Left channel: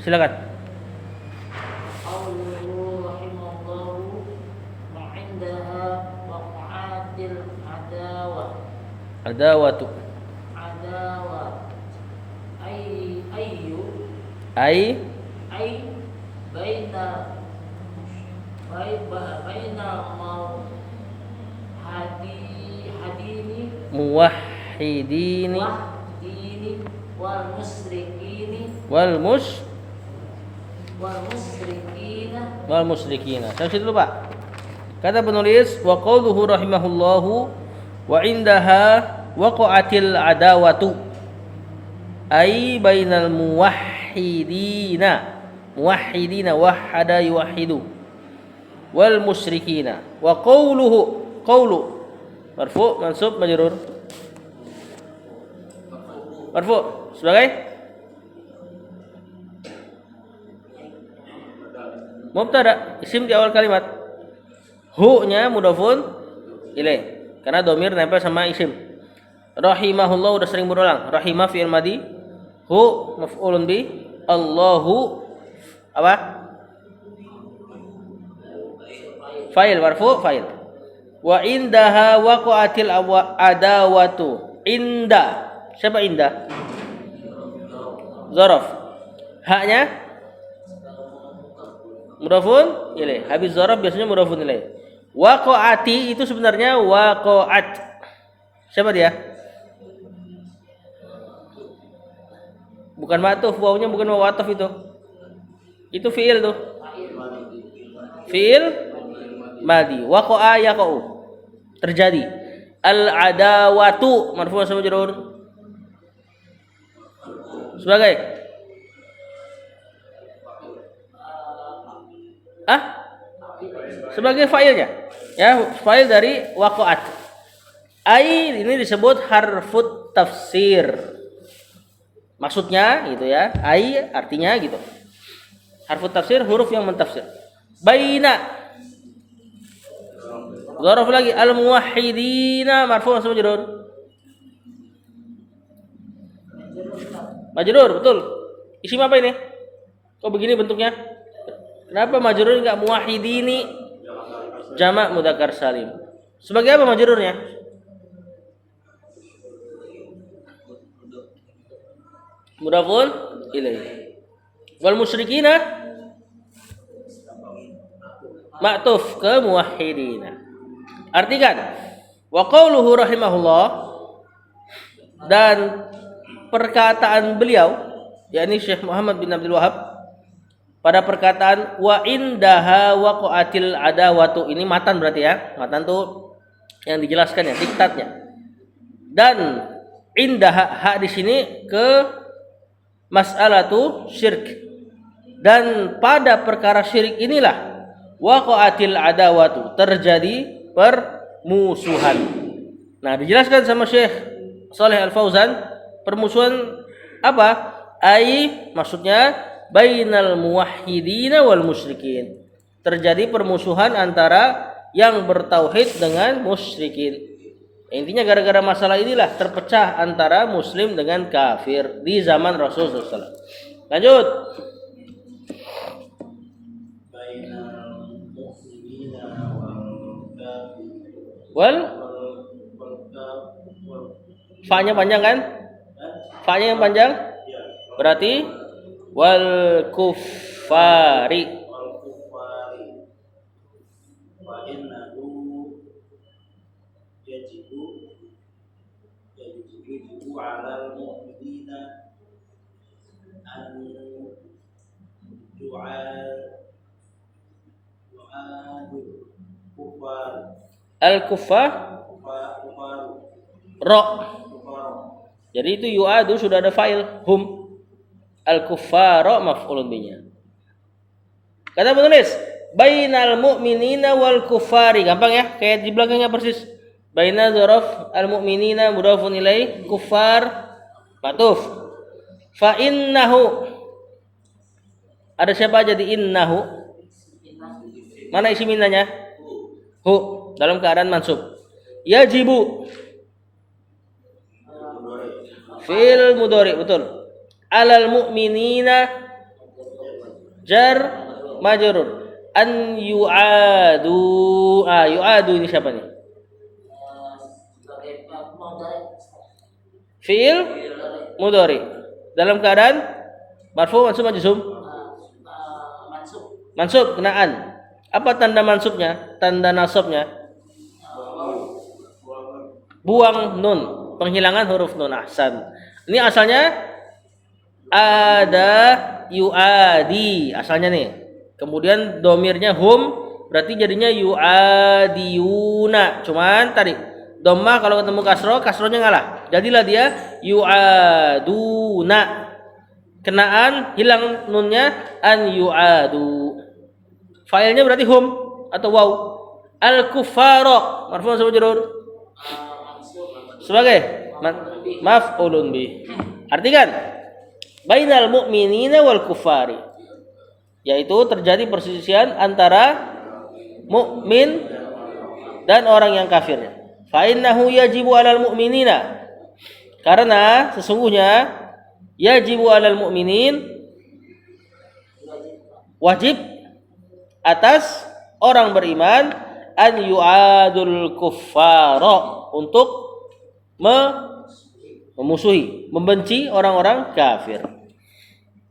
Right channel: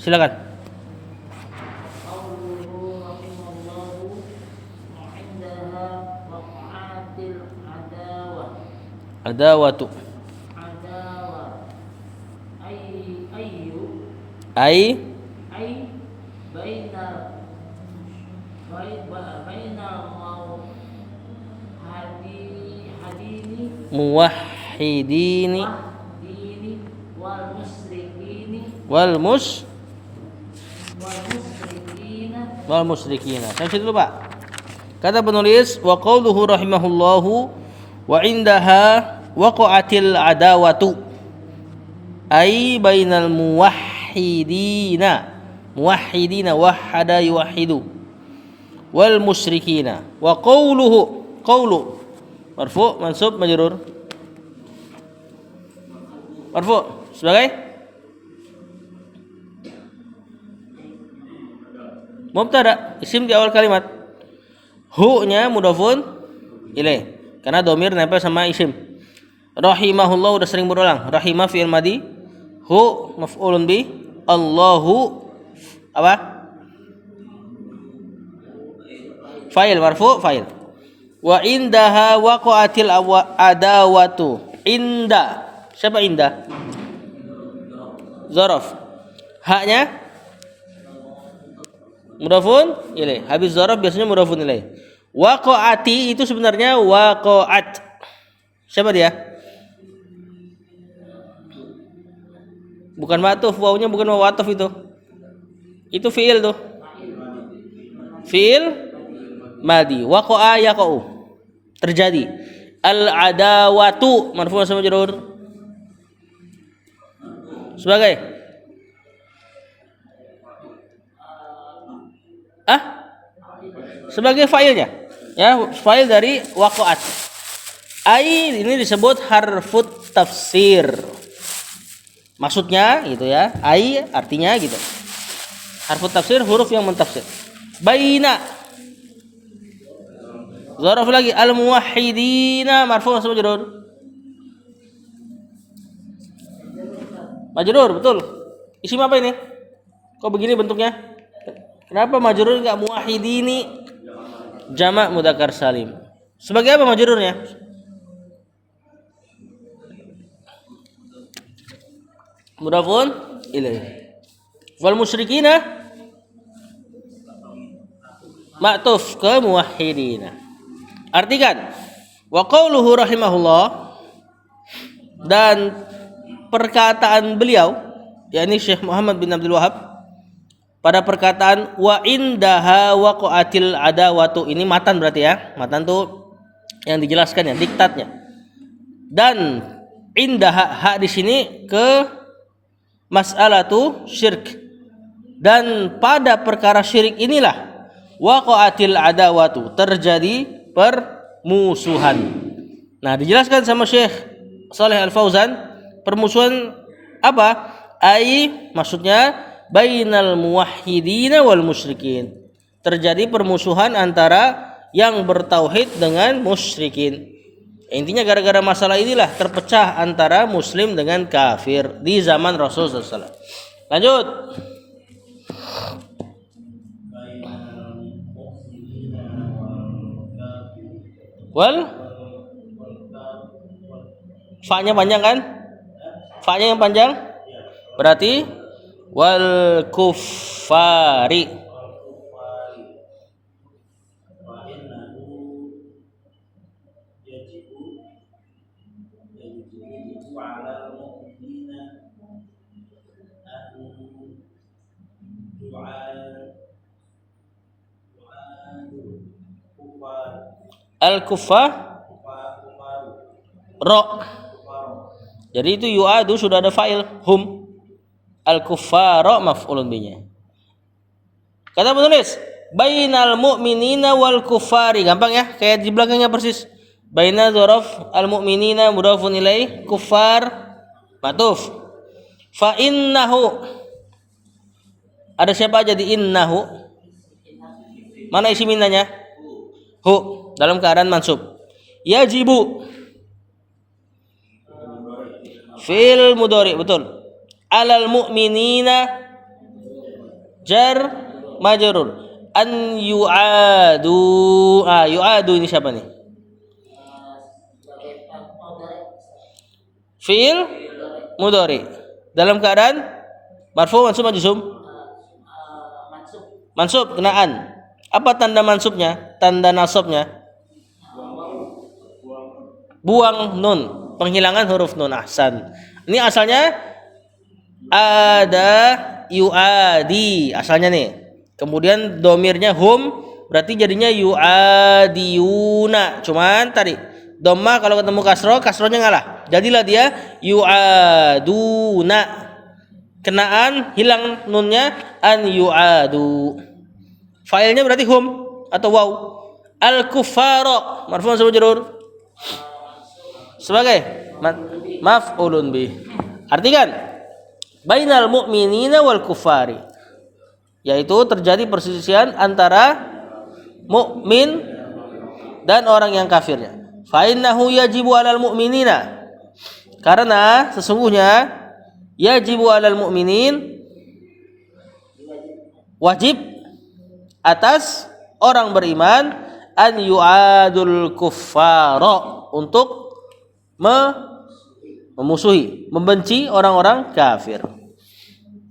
Silakan. Adawatu. Ai muwahhidini wal musyrikina. Sampai situ Pak. Kata penulis wa qauluhu rahimahullahu wa indaha waqa'atil adawatu ai bainal muwahhidina wahhada yuwahhidu wal musyrikina. Wa qawlu marfu mansub majrur marfu sebagai mubtada isim di awal kalimat, hu-nya mudhafun ilaih karena domir nempel sama isim. Rahimahullah udah sering berulang, rahimah fi'il madi, hu maf'ulun bi, Allahu apa? Fa'il marfu fa'il. Wa indaha waqa'atil adawatu. Inda. Siapa inda? Zaraf. Haknya mudhafun ilaih. Habis zaraf biasanya mudhafun ilaih. Waqa'ati itu sebenarnya waqa'at. Siapa dia? Bukan ma'tuf, wawunya bukan waw ataf itu. Itu fi'il tuh. Fi'il madi. Waqa'a yaqa'u. Terjadi. Al-adawatu marfu' sama majrur. Sebagai sebagai fa'ilnya. Ya, fa'il dari waqa'at. Ai ini disebut harfut tafsir. Maksudnya gitu ya. Ai artinya gitu. Harfut tafsir huruf yang mentafsir. Baina. Zaraf lagi al muwahhidina marfu' sama majrur. Majrur betul. Isim apa ini? Kok begini bentuknya? Kenapa majrur enggak muwahhidini? Jamak mudzakkar salim. Sebagai apa majrurnya? Mudhafun ilaih. Wal musyrikina ma'tuf ke muwahhidina. Artikan wa qauluhu rahimahullah, dan perkataan beliau yakni Syekh Muhammad bin Abdul Wahhab pada perkataan wa indaha waqa'atil adawatu, ini matan berarti ya. Matan tuh yang dijelaskan ya, diktatnya. Dan indaha hak di sini ke mas'alatu syirk, dan pada perkara syirik inilah waqa'atil adawatu, terjadi permusuhan. Nah, dijelaskan sama Syekh Shalih Al-Fauzan, permusuhan apa? Ai maksudnya bainal muwahhidina wal musyrikin, terjadi permusuhan antara yang bertauhid dengan musyrikin. Intinya gara-gara masalah inilah terpecah antara muslim dengan kafir di zaman Rasulullah SAW. Lanjut. Wal fa-nya panjang kan? Fa-nya yang panjang berarti wal kuffari. Al-kuffar ro. Jadi itu yu'adu sudah ada fa'il hum. Al-kuffara maf'ulun bihi. Kata penulis, bainal mu'minina wal kuffari. Gampang ya, kayak di belakangnya persis. Baina dzaraf al-mu'minina mudhafun ilaih, kuffar ma'tuf. Fa innahu. Ada siapa aja di innahu? Mana isi minanya? Hu. Dalam keadaan mansub. Yajibu fi'il mudhari, betul. alal mu'minina jar majrur. An yu'adu. Yu'adu ini siapa nih? Fi'il mudhari. Dalam keadaan marfu, mansub, majzum? Mansub, kenaan. Apa tanda mansubnya? Tanda nasabnya? Buang nun, penghilangan huruf nun. Ahsan. Ini asalnya ada yu'adi asalnya nih. Kemudian domirnya hum, berarti jadinya yu'adiyuna. Cuman tadi dhammah kalau ketemu kasrohnya ngalah. Jadilah dia yu'aduna. Kenaan hilang nunnya, an yu'adu. Failnya berarti hum atau waw. Al-kuffara marfu' sama majrur sebagai maf'ulun bih. Artikan bainal mu'minina wal kuffari, yaitu terjadi perselisihan antara mukmin dan orang yang kafirnya. Fa innahu yajibu 'alal mu'minina, karena sesungguhnya yajibu 'alal mu'minin, wajib atas orang beriman, an yu'adul kuffara, untuk memusuhi, membenci orang-orang kafir.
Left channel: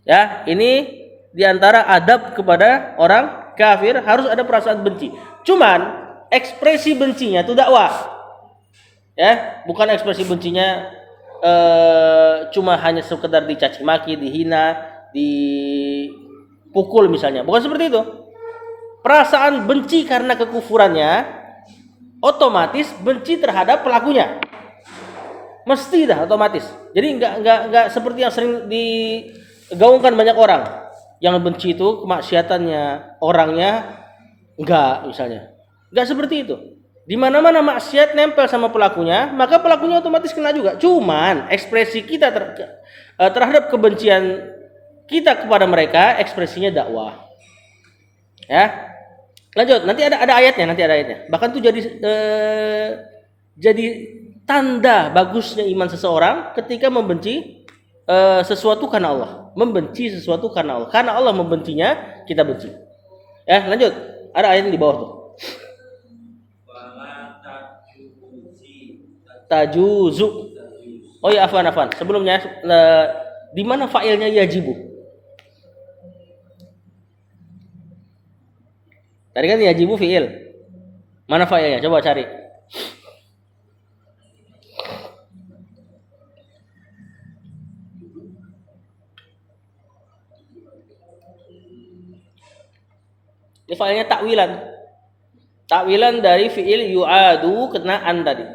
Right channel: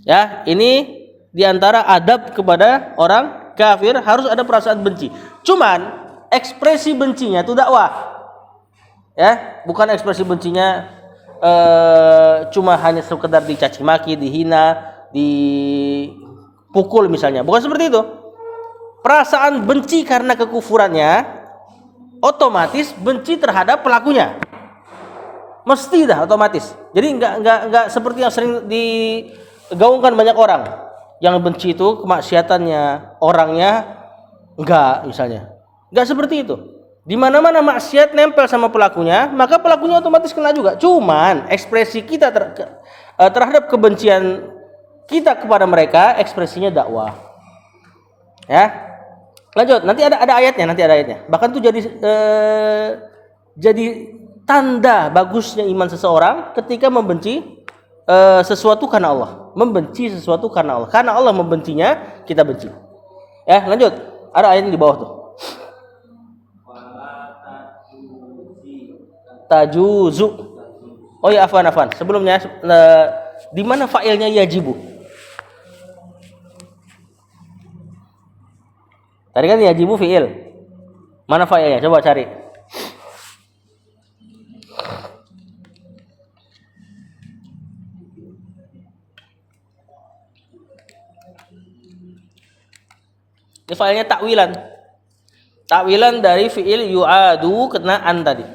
Ya, ini diantara adab kepada orang kafir, harus ada perasaan benci. Cuman ekspresi bencinya itu dakwah. Ya, bukan ekspresi bencinya cuma hanya sekedar dicaci maki, dihina, dipukul misalnya. Bukan seperti itu. Perasaan benci karena kekufurannya otomatis benci terhadap pelakunya. Mesti dah otomatis. Jadi enggak seperti yang sering digaungkan banyak orang. Yang benci itu kemaksiatannya, orangnya enggak misalnya. Enggak seperti itu. Di mana-mana maksiat nempel sama pelakunya, maka pelakunya otomatis kena juga. Cuman ekspresi kita terhadap kebencian kita kepada mereka, ekspresinya dakwah. Ya. Lanjut, nanti ada ayatnya, Bahkan itu jadi tanda bagusnya iman seseorang ketika membenci sesuatu karena Allah, membenci sesuatu karena Allah. Karena Allah membencinya, kita benci. Ya, lanjut. Ada ayat di bawah tuh. Tajuzu. Oh ya, afwan. Sebelumnya di mana fa'ilnya yajibu? Tadi kan yajibu fi'il. Mana fa'ilnya? Coba cari. Ini fa'ilnya takwilan. Takwilan dari fi'il yu'adu kena an tadi.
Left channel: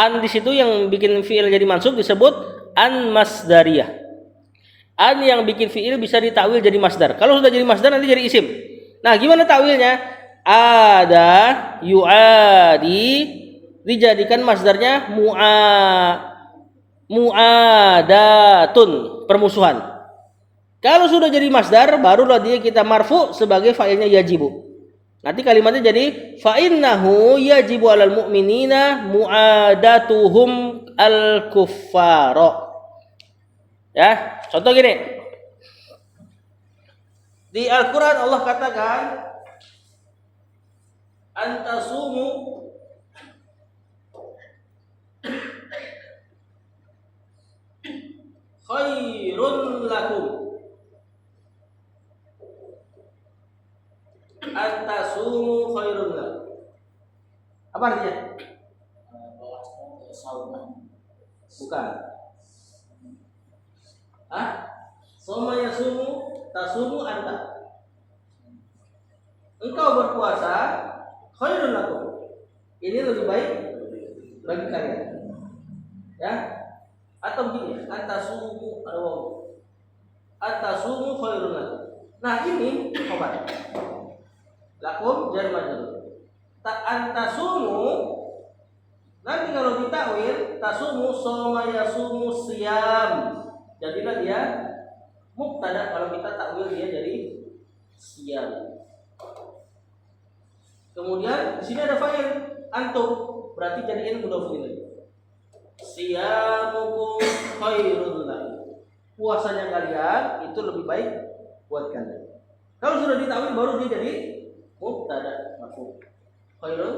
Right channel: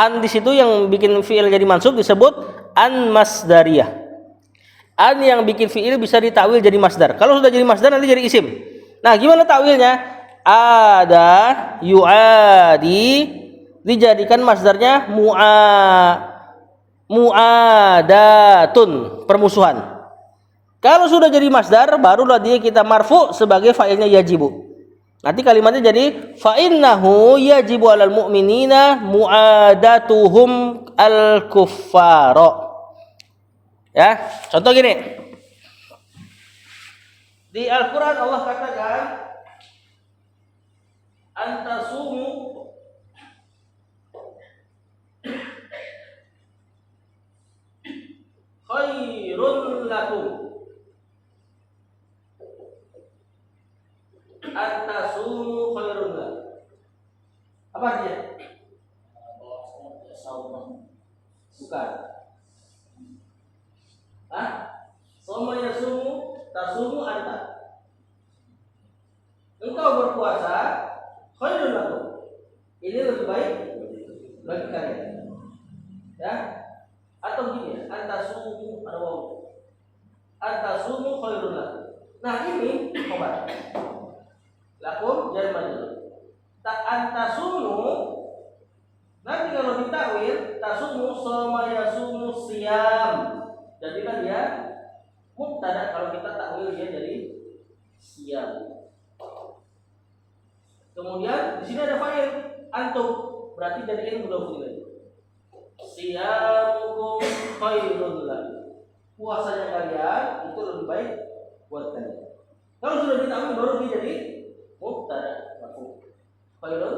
An di situ yang bikin fi'il jadi mansub disebut an masdariyah. An yang bikin fi'il bisa ditakwil jadi masdar. Kalau sudah jadi masdar nanti jadi isim. Nah, gimana takwilnya? Ada yu'adi dijadikan masdarnya mu'adatun, permusuhan. Kalau sudah jadi masdar, barulah dia kita marfu sebagai fa'ilnya yajibu. Nanti kalimatnya jadi fa innahu yajibu 'alal mu'minina mu'adatuhum al-kuffara. Ya, contoh gini. Di Al-Quran Allah katakan antasumu khairun lakum. Antasumu khairun lakum. Apa artinya? Bukan. Soma yasumu tasumu anta. Engkau berpuasa khairun lakum. Ini lebih baik bagi kalian. Ya. Atau begini, antasumu ada waw. Antasumu khairun lakum. Nah, ini obat. Lakum jar majrur. Antasumu nanti kalau ditakwil tasumu soma yasumu siyam. Jadilah dia mubtada, kalau kita takwil dia jadi siyam. Kemudian di sini ada fa'il antum, berarti jadikan mudhof ilaih. Siyamukum khairun lakum. puasanya kalian itu lebih baik buat kalian. Kalau sudah ditawin baru dia jadi mubtada marfu. Khairun.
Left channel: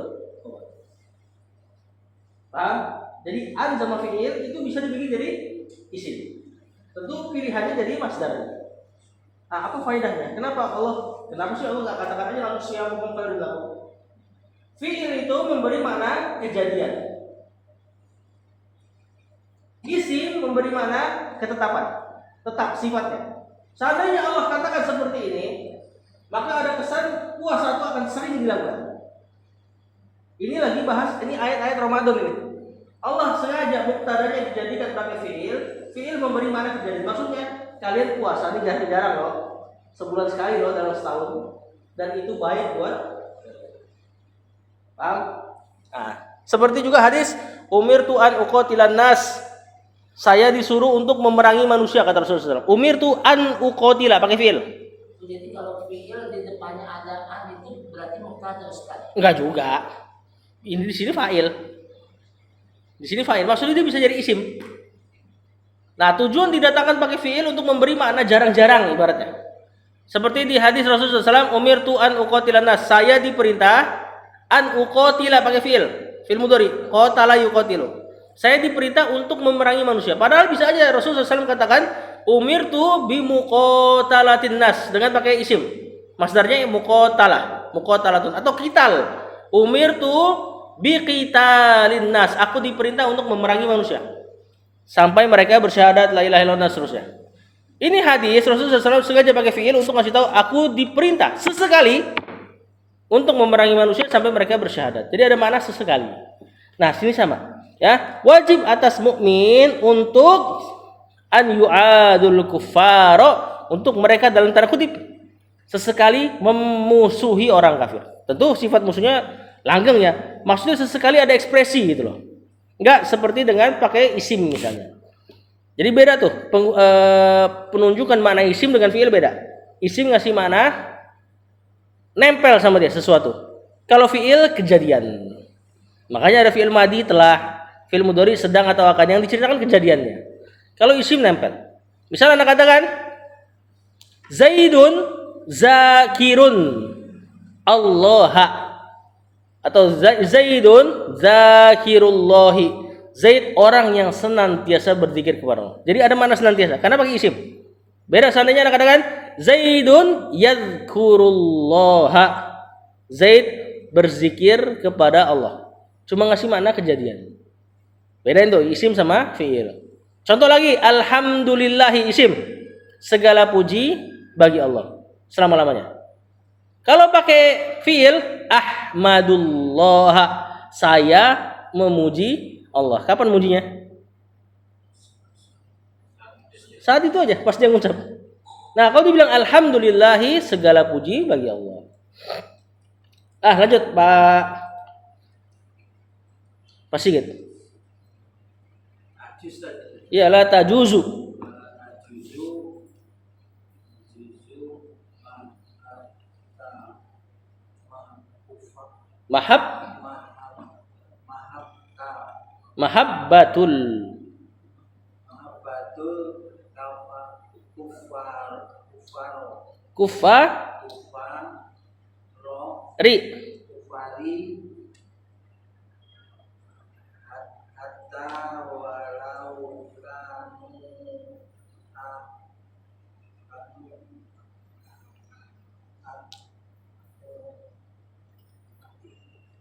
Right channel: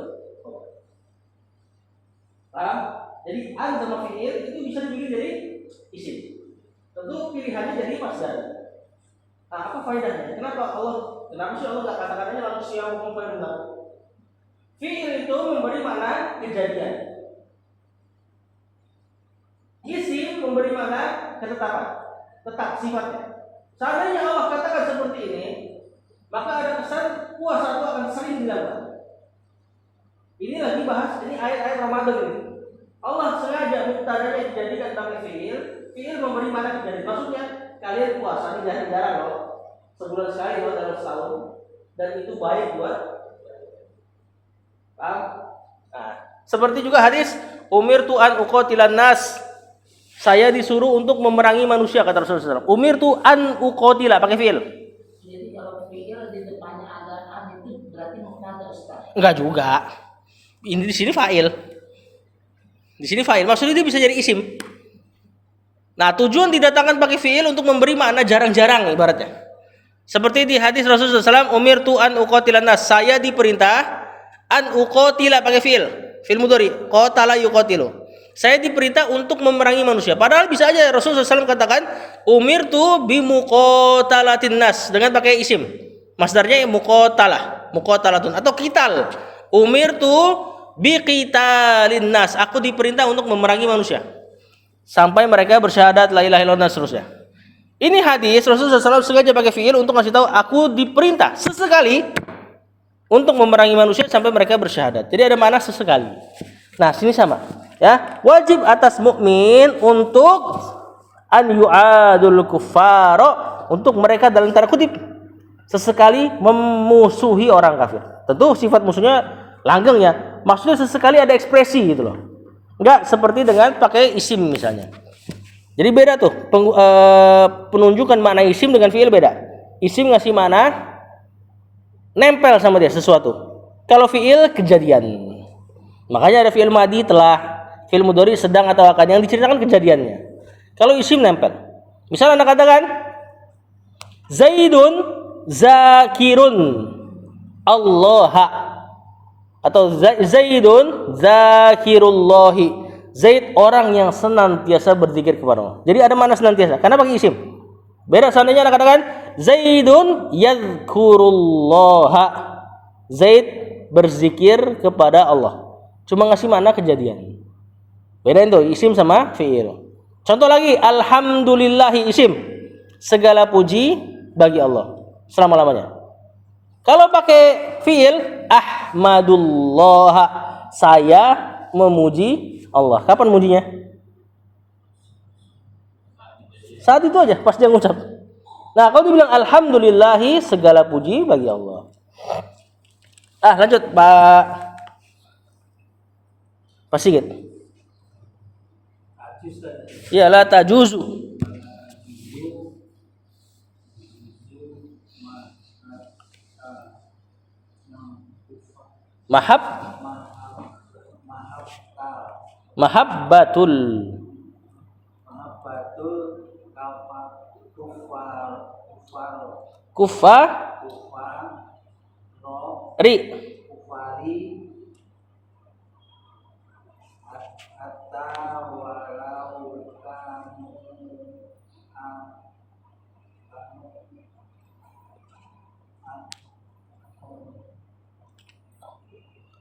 Paham? Jadi an sama fi'il itu bisa dibikin jadi isim. Tentu pilihannya jadi masdar. Nah, apa faedahnya? Kenapa sih Allah nggak katakan aja lalu siyamukum khairun? Fi'il itu memberi makna kejadian. Isim memberi makna ketetapan, tetap sifatnya. Seandainya Allah katakan seperti ini, maka ada kesan puasa itu akan sering dilakukan. Ini lagi bahas, ini ayat-ayat Ramadan ini. Allah sengaja mubtadanya dijadikan pakai fi'il memberi makna kejadian. Maksudnya kalian puasa ini jarang-jarang loh, sebulan sekali loh dalam setahun, dan itu baik buat. Paham? Nah, seperti juga hadis umirtu an uqatilan nas. Saya disuruh untuk memerangi manusia, kata Rasulullah SAW. Umirtu an uqatila pakai fi'il. Jadi kalau fi'il di depannya ada an itu berarti mubtada Ustaz. Enggak juga. Ini di sini fa'il. Di sini fa'il. Maksudnya dia bisa jadi isim. Nah, tujuan didatangkan pakai fi'il untuk memberi makna jarang-jarang ibaratnya. Seperti di hadis Rasulullah SAW, umirtu an uqatilan nas. Saya diperintah an uqatila pakai fi'il mudhari, qatala yuqatilu. Saya diperintah untuk memerangi manusia. Padahal bisa aja Rasulullah SAW katakan umirtu bimuqatalatin nas dengan pakai isim. Masdarnya muqatalatun atau qital. Umirtu biqitalin nas. Aku diperintah untuk memerangi manusia sampai mereka bersyahadat la ilaha illallah seterusnya. Ini hadis Rasulullah SAW sengaja pakai fi'il untuk ngasih tahu aku diperintah sesekali untuk memerangi manusia sampai mereka bersyahadat. Jadi ada makna sesekali. Nah, sini sama. Ya, wajib atas mukmin untuk an yu'adul kuffara, untuk mereka dalam tanda kutip sesekali memusuhi orang kafir. Tentu sifat musuhnya langgeng ya. Maksudnya sesekali ada ekspresi gitu loh. Enggak seperti dengan pakai isim misalnya. Jadi beda tuh penunjukan makna isim dengan fi'il beda. Isim ngasih makna nempel sama dia sesuatu. Kalau fi'il kejadian. Makanya ada fi'il madi telah, fi'il mudhari sedang atau akan yang diceritakan kejadiannya. Kalau isim nempel. Misal Anda katakan Zaidun zakirun Allah, atau Zaidun zakirullahi. Zaid orang yang senantiasa berzikir kepada Allah. Jadi ada makna senantiasa karena pakai isim. Beda seandainya Anda katakan Zaidun yadhkurullaha. Zaid berzikir kepada Allah. Cuma ngasih makna kejadian. Bedain tuh isim sama fi'il. Contoh lagi, alhamdulillahi isim. Segala puji bagi Allah selama-lamanya. Kalau pakai fi'il, ahmadullah. Saya memuji Allah. Kapan mujinya? Saat itu aja, pas dia ngucap. Nah, kalau dibilang alhamdulillahi, segala puji bagi Allah. Lanjut, Pak Sigit. Ya, la tajuzu. Mahabbatul kufar ri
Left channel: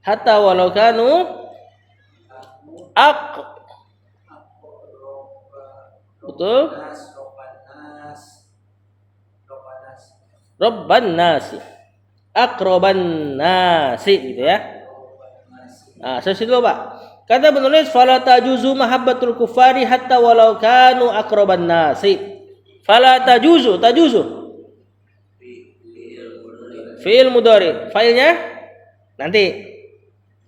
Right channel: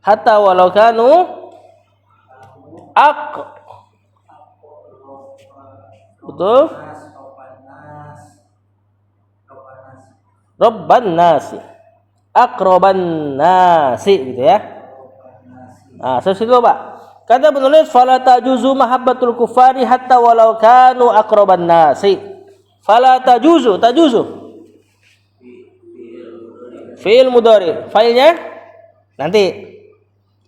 hatta walau kanu betul Robban nasi akroban nasi gitu ya. Nah, saya situ Pak. Kata penulis fala tajuzu mahabbatul kufari hatta walau kanu akroban nasi. Fala tajuzu fi'il mudhari. Failnya nanti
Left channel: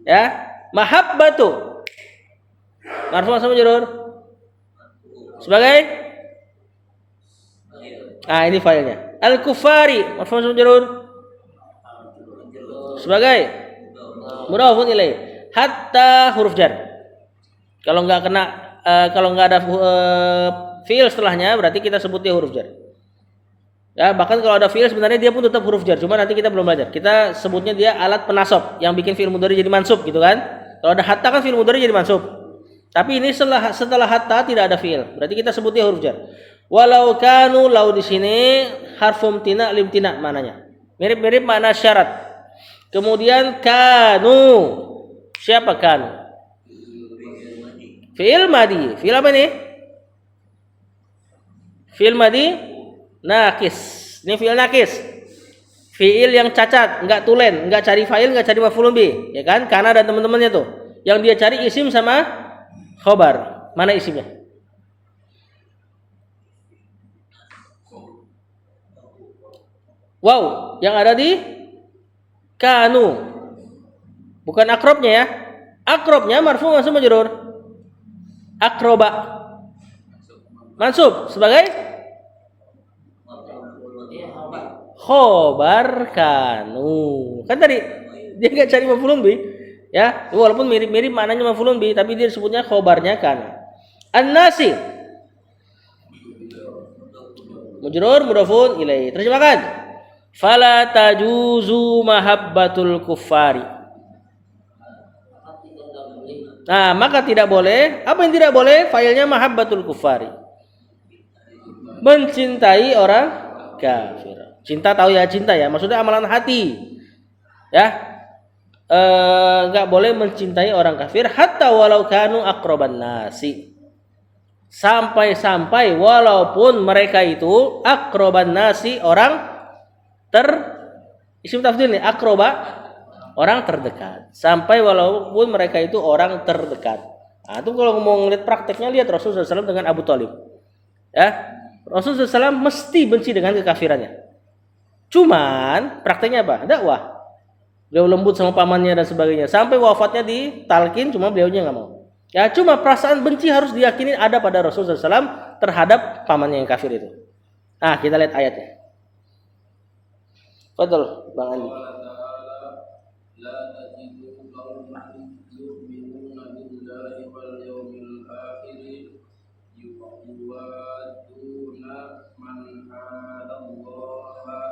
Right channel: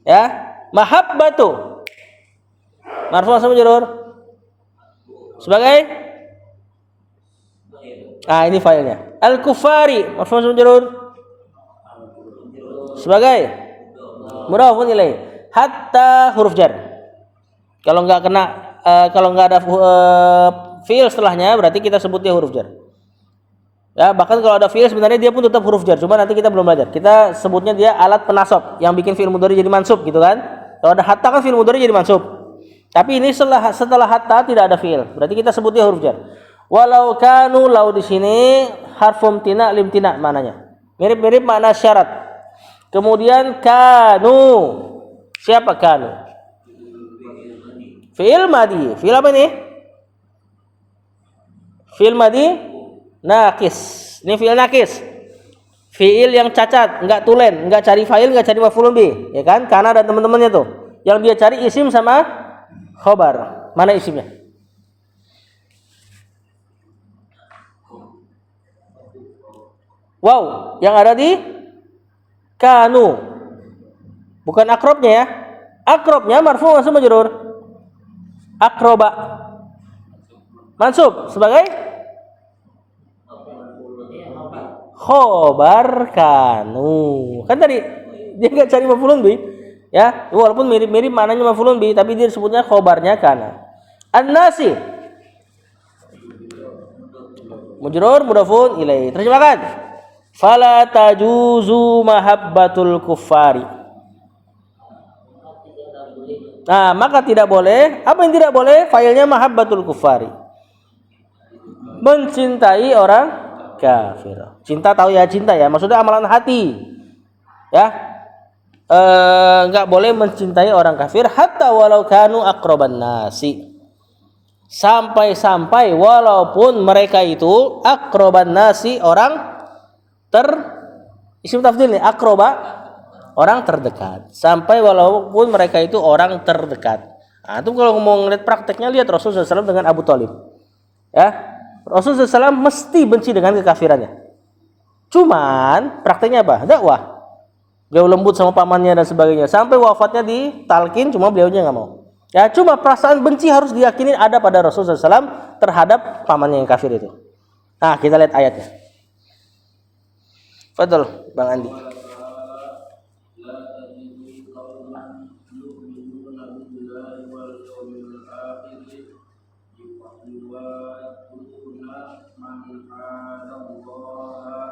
ya, mahabbatu marfu sama majrur sebagai ini failnya. Al kufari marfu sama majrur sebagai mudhafun ilaih. Hatta huruf jar. Kalau nggak kena kalau nggak ada fiil setelahnya berarti kita sebutnya huruf jar. Ya, bahkan kalau ada fiil sebenarnya dia pun tetap huruf jar, cuma nanti kita belum belajar. Kita sebutnya dia alat penasab yang bikin fiil mudhari jadi mansub gitu kan. Kalau ada hatta kan fiil mudhari jadi mansub. Tapi ini setelah hatta tidak ada fiil, berarti kita sebutnya huruf jar. Walau kanu, lau di sini harfum tina limtina maknanya. Mirip-mirip makna syarat. Kemudian kanu. Siapa kanu? Fiil madi. Fiil apa nih? Fiil madi nakis. Ini fiil nakis. Fiil yang cacat, enggak tulen, enggak cari fa'il, enggak cari maf'ulun bih, ya kan? Kana dan teman-temannya tuh. Yang dia cari isim sama khobar. Mana isimnya? Wow, yang ada di kanu. Bukan akrobnya ya. Akrobnya marfu mansub majrur. Akroba mansub sebagai khobar kanu. Kan tadi dia enggak cari maf'ulun bih. Ya, walaupun mirip-mirip maknanya maf'ulun bih, tapi dia disebutnya khobarnya kana. An-nasi mujrur mudhafun ilaih. Terjemahkan. Fala tajuzu mahabbatul kuffari. Nah, maka tidak boleh. Apa yang tidak boleh? Failnya mahabbatul kuffari. Mencintai orang kafir. Cinta tahu ya, cinta ya. Maksudnya amalan hati. Ya. Enggak boleh mencintai orang kafir hatta walau kanu aqraban nasi. Sampai-sampai walaupun mereka itu aqraban nasi, orang isim tafdhil nih, aqraba, orang terdekat. Sampai walaupun mereka itu orang terdekat. Nah, itu kalau mau ngeliat prakteknya, lihat Rasulullah SAW dengan Abu Thalib. Ya, Rasulullah SAW mesti benci dengan kekafirannya. Cuman prakteknya apa? Dakwah. Beliau lembut sama pamannya dan sebagainya. Sampai wafatnya ditalkin, cuma beliaunya nggak mau. Ya, cuma perasaan benci harus diyakini ada pada Rasulullah SAW terhadap pamannya yang kafir itu. Nah, kita lihat ayatnya. Fadl, Bang Andi.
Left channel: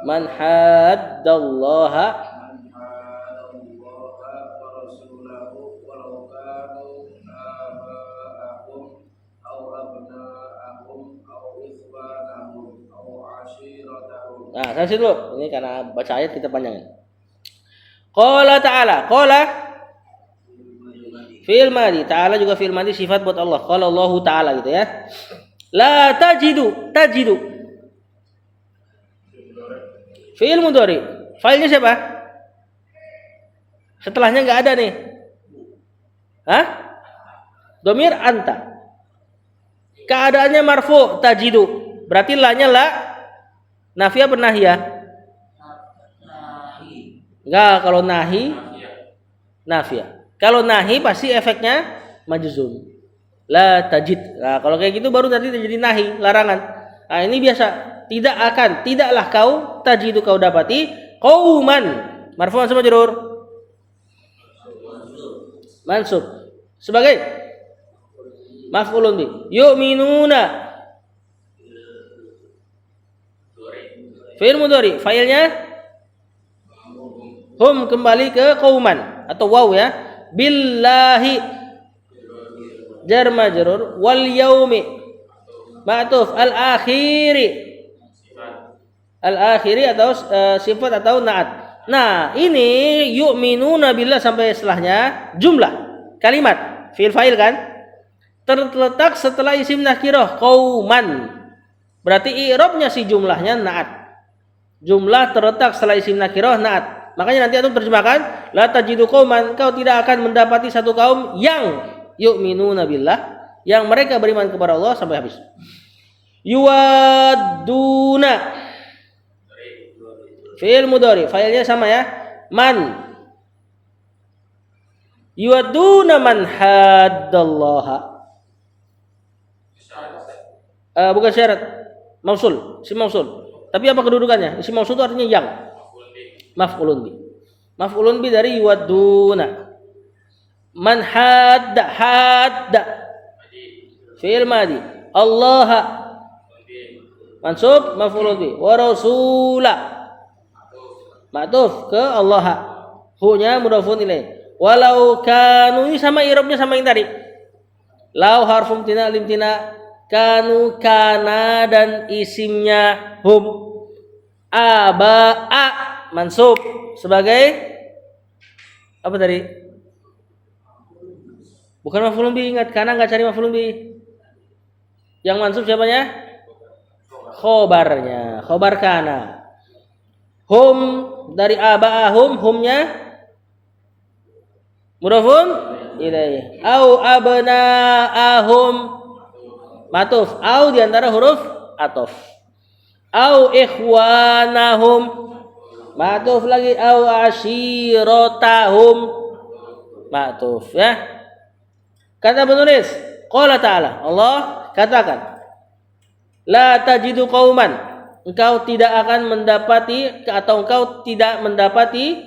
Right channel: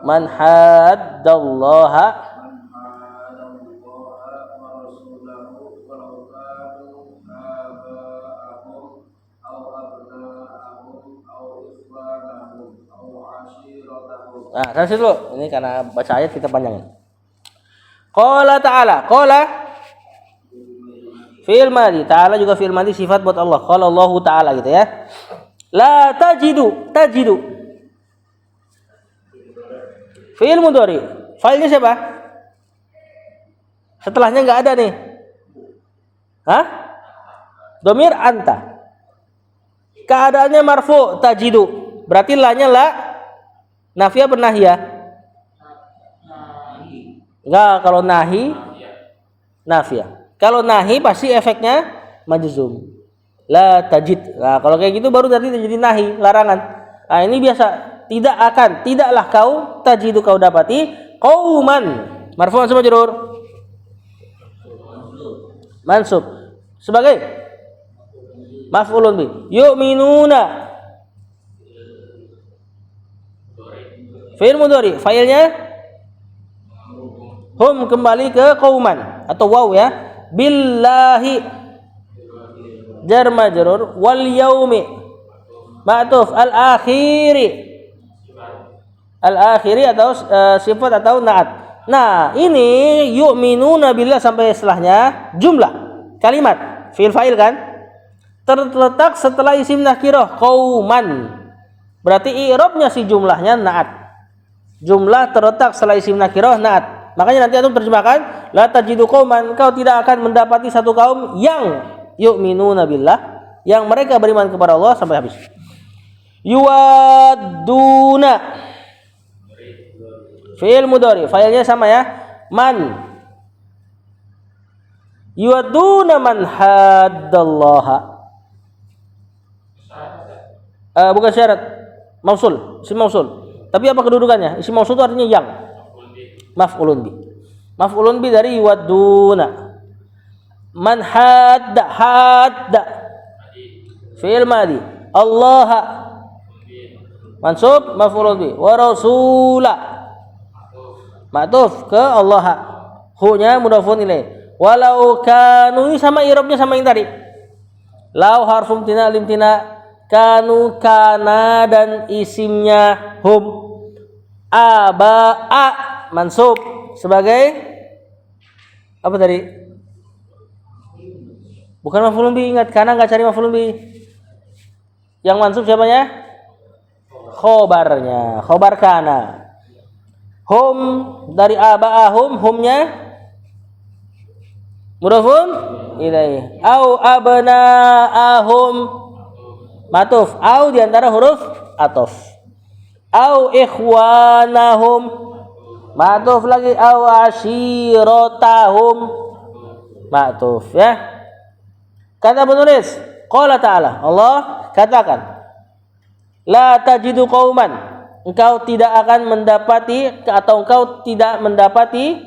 Man haddallaha Nah, kan situ dulu. Ini karena baca ayat kita panjangin. Qala ta'ala, qala fi'il madi, ta'ala juga fi'il madi sifat buat Allah. Qala Allah ta'ala gitu ya. La tajidu, tajidu. Fi'il mudhari. Fa'ilnya siapa? Setelahnya enggak ada nih. Hah? Domir anta. Keadaannya marfu tajidu. Berarti la-nya la nafiyah apa nahiyah? Enggak, kalau nahi nafiyah. Kalau nahi pasti efeknya majzum. La tajid. Nah, kalau kayak gitu baru tadi jadi nahi, larangan. Nah, ini biasa. Tidak akan, tidaklah kau tajidu kau dapati qauman. Marfu mansub majrur. Mansub. Sebagai maf'ulun bi. Yu'minuna. Fi'il mudhari, fa'ilnya hum kembali ke qauman atau waw ya. Billahi jar majrur wal yaumi ma'tuf al akhiri atau sifat atau naat. Nah, ini yu'minuna billah sampai setelahnya jumlah kalimat fi'il fa'il kan terletak setelah isim nakirah qauman. Berarti i'rabnya si jumlahnya naat. Jumlah terletak setelah isim nakirah naat. Makanya nanti antum terjemahkan la tajidu qauman, kau tidak akan mendapati satu kaum yang yu'minuna billah, yang mereka beriman kepada Allah sampai habis. Yuwadduna fi'il mudhari, fa'ilnya sama ya. Man. Yuwadduna man haddallaha. Bukan syarat. Mausul, isim mausul. Tapi apa kedudukannya? Isim mausul itu artinya yang. Maf'ulun bi. Maf'ulun bi dari yuwadduna. Man hadda. Fi'il madi. Allah mansub maf'ulun bi. Wa rasula ma'tuf ke Allah. Hu-nya mudhafun ilaih. Walau kanu, ini sama i'rabnya sama yang tadi. Lau harfum tina limtina, kanu kana dan isimnya hum. Aba'a mansub sebagai apa tadi? Bukan maf'ulun bi, ingat, kana enggak cari maf'ulun bi. Yang mansub siapanya? Khobarnya, khobar kana. Hum dari aba'ahum, humnya mudhafun ilaih. Au abna'ahum matuf. Au diantara huruf atof. Au ikhwanahum matuf lagi. Au ashiratahum matuf, ya. Kata penulis, qala ta'ala, Allah katakan, la tajidu qauman, engkau tidak akan mendapati atau engkau tidak mendapati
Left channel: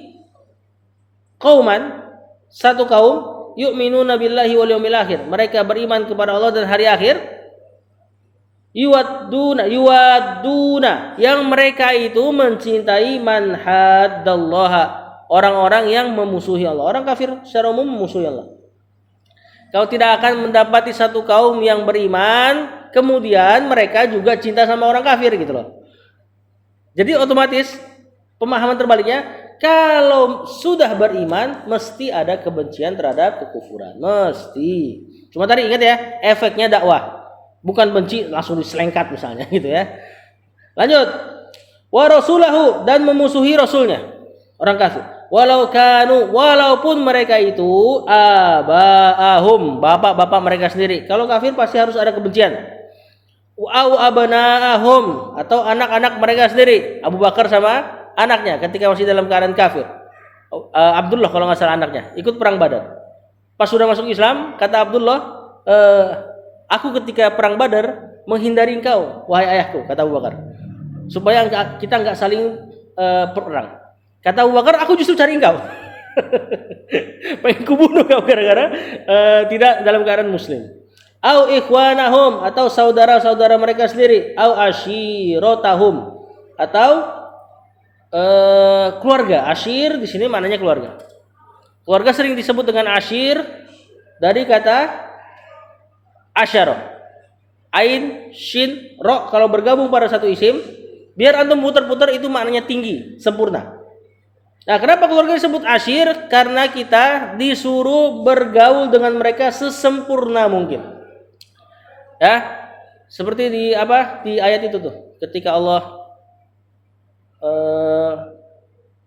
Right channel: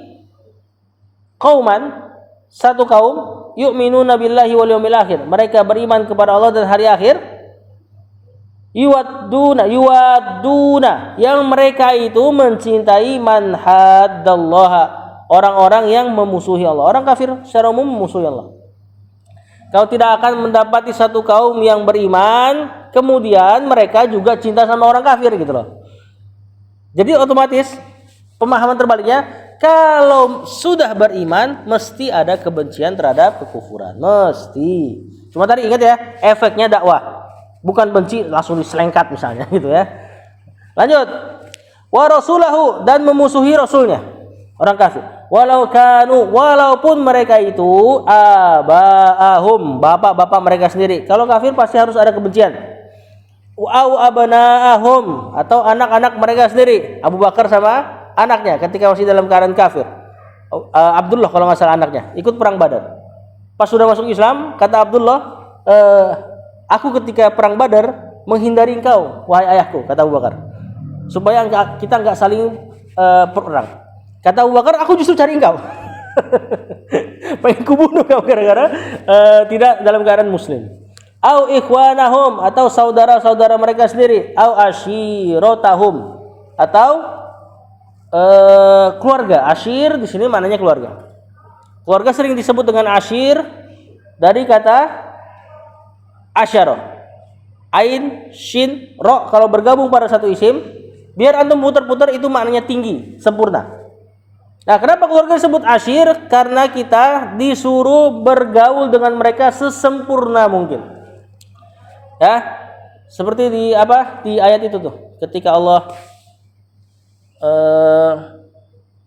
qauman, satu kaum, yu'minuna billahi wal yawmil akhir, mereka beriman kepada Allah dan hari akhir, yuwadduna, yang mereka itu mencintai man haddallaha, orang-orang yang memusuhi Allah. Orang kafir secara umum memusuhi Allah. Kau tidak akan mendapati satu kaum yang beriman kemudian mereka juga cinta sama orang kafir gitu loh. Jadi otomatis pemahaman terbaliknya, kalau sudah beriman mesti ada kebencian terhadap kekufuran, mesti. Cuma tadi ingat ya, efeknya dakwah, bukan benci langsung diselengkat misalnya gitu ya. Lanjut, wa rasulahu, dan memusuhi rasulnya, orang kafir. Walau kanu, walaupun mereka itu aba'ahum, bapak-bapak mereka sendiri. Kalau kafir pasti harus ada kebencian. Au abna'ahum, atau anak-anak mereka sendiri. Abu Bakar sama anaknya ketika masih dalam keadaan kafir. Abdullah kalau nggak salah anaknya ikut perang Badar. Pas sudah masuk Islam, kata Abdullah, aku ketika perang Badar menghindari engkau, wahai ayahku, kata Abu Bakar, supaya kita nggak saling perang. Kata Abu Bakar, aku justru cari engkau. Pengen kubunuh kau gara-gara tidak dalam keadaan muslim. Au ikhwanahum, atau saudara-saudara mereka sendiri. Au ashiratahum, atau keluarga. Ashir di sini maknanya keluarga. Keluarga sering disebut dengan ashir dari kata asyara. Ain, shin, ro, kalau bergabung pada satu isim, biar antum putar-putar itu maknanya tinggi, sempurna. Nah, kenapa keluarga disebut ashir? Karena kita disuruh bergaul dengan mereka sesempurna mungkin. Ya, seperti di ayat itu tuh, ketika Allah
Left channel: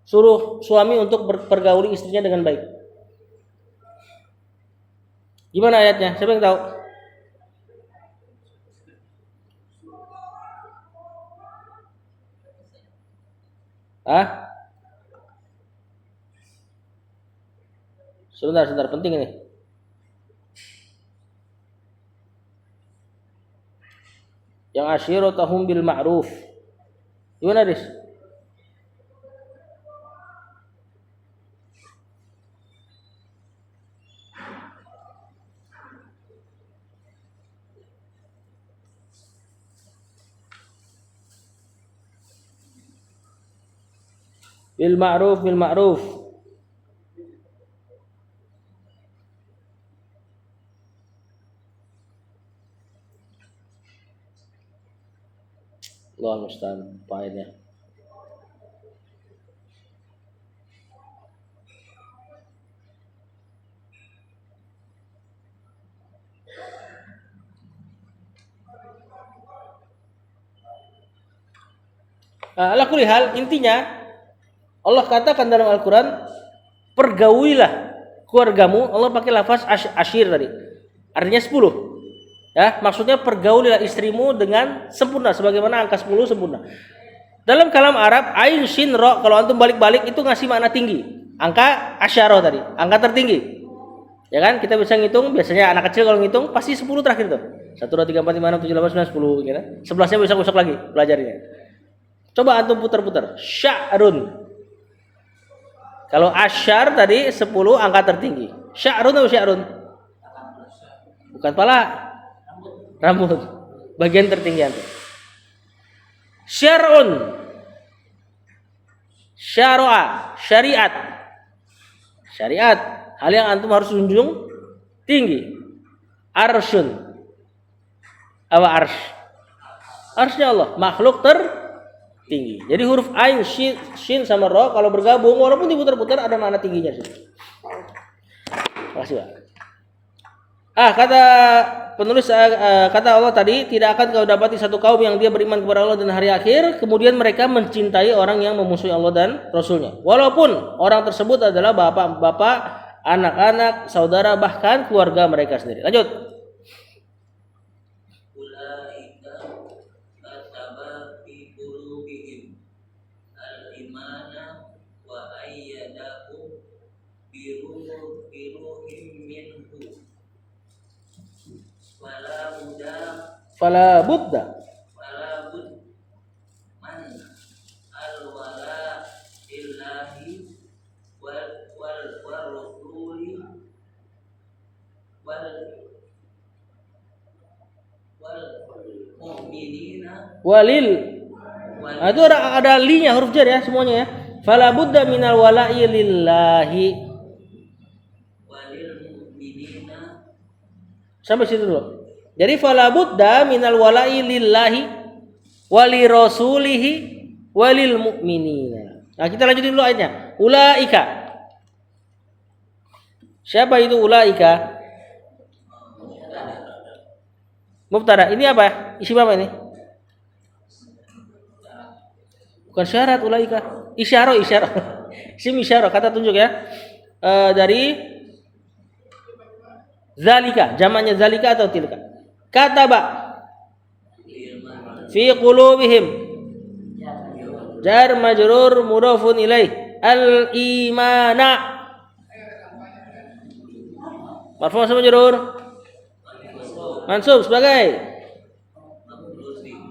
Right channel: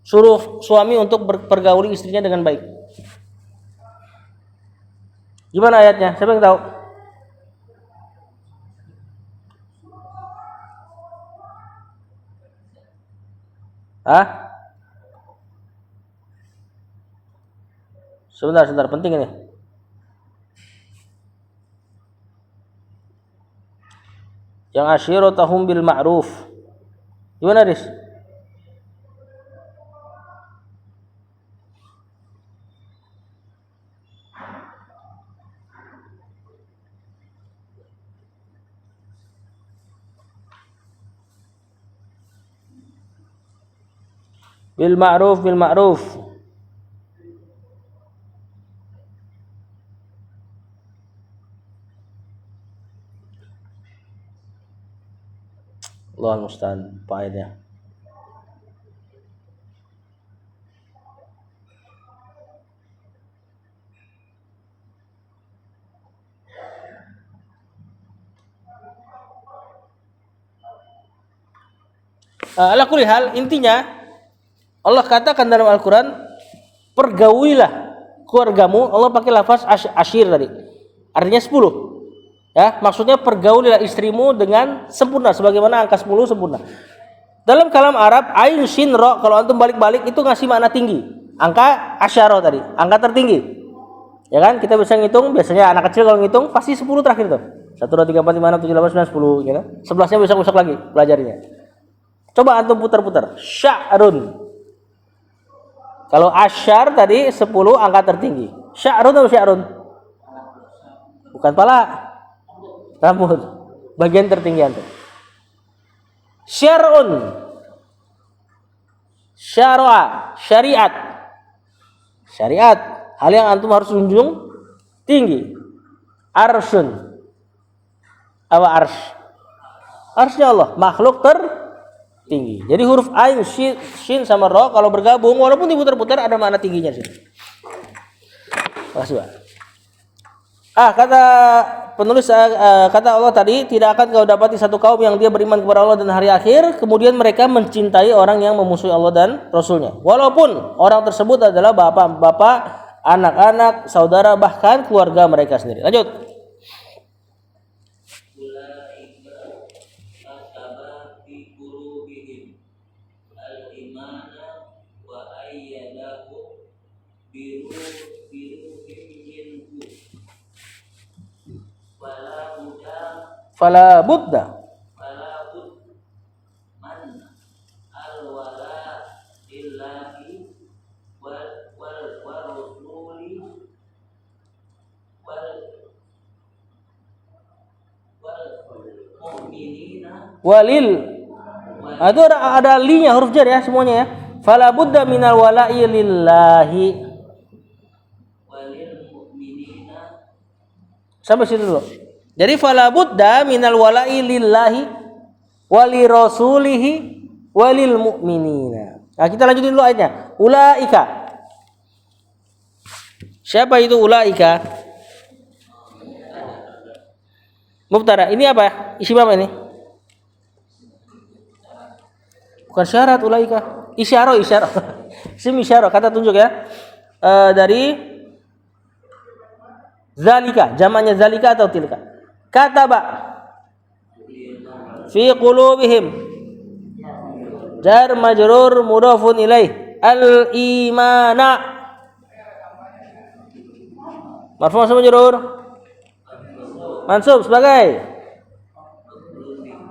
suruh suami untuk bergauli istrinya dengan baik. Gimana ayatnya? Siapa yang tahu? Sebentar, penting ini. Yang asyiratahum bil ma'ruf. Gimana, Riz? Bil ma'ruf. Allah musta'an, faedahnya. Ala kulli hal, intinya Allah katakan dalam Al-Quran, pergaulilah keluargamu. Allah pakai lafaz ashir tadi, artinya 10. Ya, maksudnya pergaulilah istrimu dengan sempurna, sebagaimana angka 10 sempurna. Dalam kalam Arab, ain, shin, ro, kalau antum balik-balik itu ngasih makna tinggi. Angka asyara tadi, angka tertinggi. Ya kan, kita bisa ngitung, biasanya anak kecil kalau ngitung pasti 10 terakhir tuh. 1, 2, 3, 4, 5, 6, 7, 8, 9, 10 gitu. 11-nya besok lagi pelajarinya. Coba antum putar-putar. Sya'run. Kalau asyar tadi 10 angka tertinggi. Sya'run atau sya'run? Bukan pala, rambut. bagian tertinggi antum. Syar'un, syara'a, syariat. Syariat, hal yang antum harus junjung tinggi. Arsyun, apa arsh? Arshnya Allah, makhluk tertinggi. Jadi huruf ain, shin sama ro kalau bergabung walaupun diputar-putar ada makna tingginya sih. Makasih, Pak. Kata penulis, kata Allah tadi, tidak akan kau dapati satu kaum yang dia beriman kepada Allah dan hari akhir, kemudian mereka mencintai orang yang memusuhi Allah dan Rasulnya. Walaupun orang tersebut adalah bapak-bapak, anak-anak, saudara, bahkan keluarga mereka sendiri. Lanjut. Fala budda man al-wala illahi wal rasuli wal mu'minina walil. Itu ada linya, huruf jar ya semuanya ya. Fala budda minal wala'i lillahi walil mu'minina. Sampai situ dulu. Jadi fala budda minal wala'i lillahi wali rasulihi walil mu'minina. Nah, kita lanjutin dulu ayatnya. Ulaika. Siapa itu ulaika? Mubtada. Ini apa? Isim apa ini? Bukan syarat ulaika. Isyarah. Isim isyarah, kata tunjuk ya. Dari zalika, jamaknya zalika atau tilka. Kataba fi qulubihim, jar majrur mudhafun ilaih, al imana marfu' sama majrur mansub sebagai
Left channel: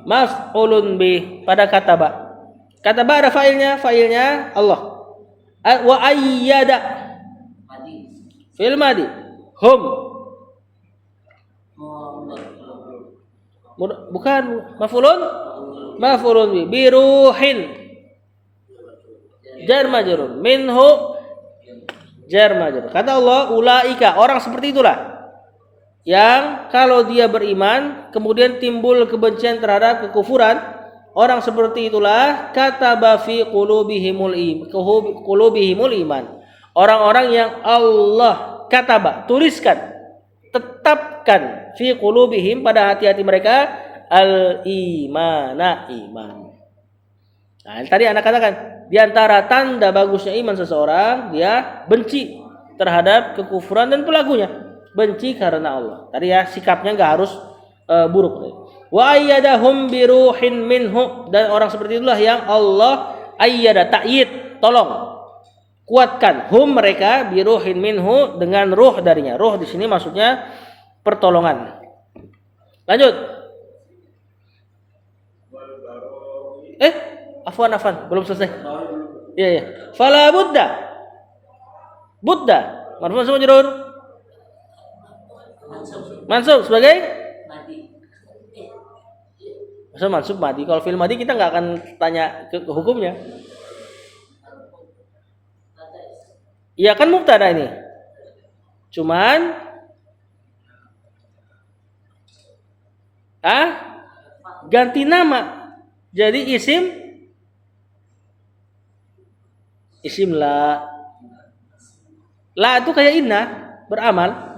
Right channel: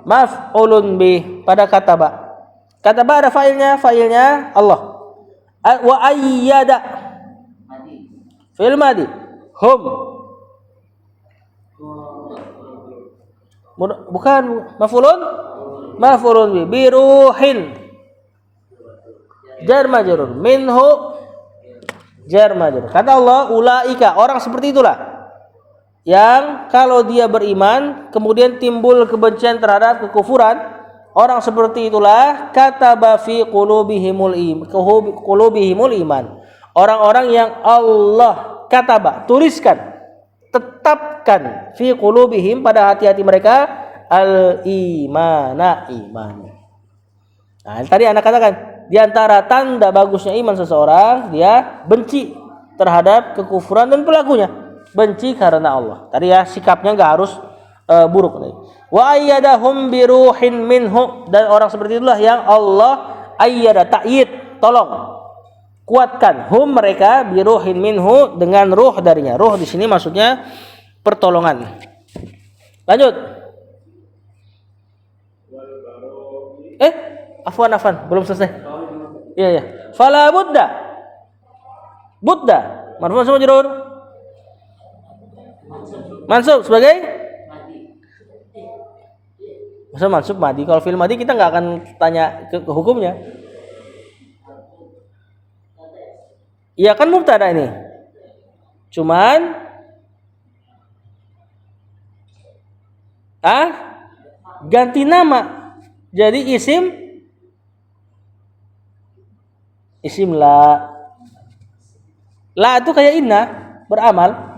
maf'ulun bih pada kataba. Kataba ada fa'ilnya Allah. Wa ayyada fil madi hum, bukan maf'ulun bi ruhin, jar majrur, minhu jar majrur. Kata Allah ulaika, orang seperti itulah yang kalau dia beriman kemudian timbul kebencian terhadap kekufuran, orang seperti itulah kataba fi qulubihimul iman, orang-orang yang Allah kataba, tuliskan, tetapkan fi qulubihim, pada hati-hati mereka, al-imana, iman. Nah, tadi Anda katakan di antara tanda bagusnya iman seseorang, dia benci terhadap kekufuran dan pelakunya. Benci karena Allah. Tadi ya, sikapnya enggak harus buruk. Wa ayyadahum biruhin minhu, dan orang seperti itulah yang Allah ayyada, ta'yid, tolong, kuatkan, hum mereka, biruhin minhu, dengan ruh darinya. Ruh di sini maksudnya pertolongan. Lanjut. Afwan, belum selesai. Iya. Fala budda. Budda, marfu' sama majrur. Mansub sebagai masa mansub madi. Kalau fil madi kita nggak akan tanya ke hukumnya. Iya kan mubtada ini. Cuman ganti nama. Jadi isim la. La itu kayak inna, beramal.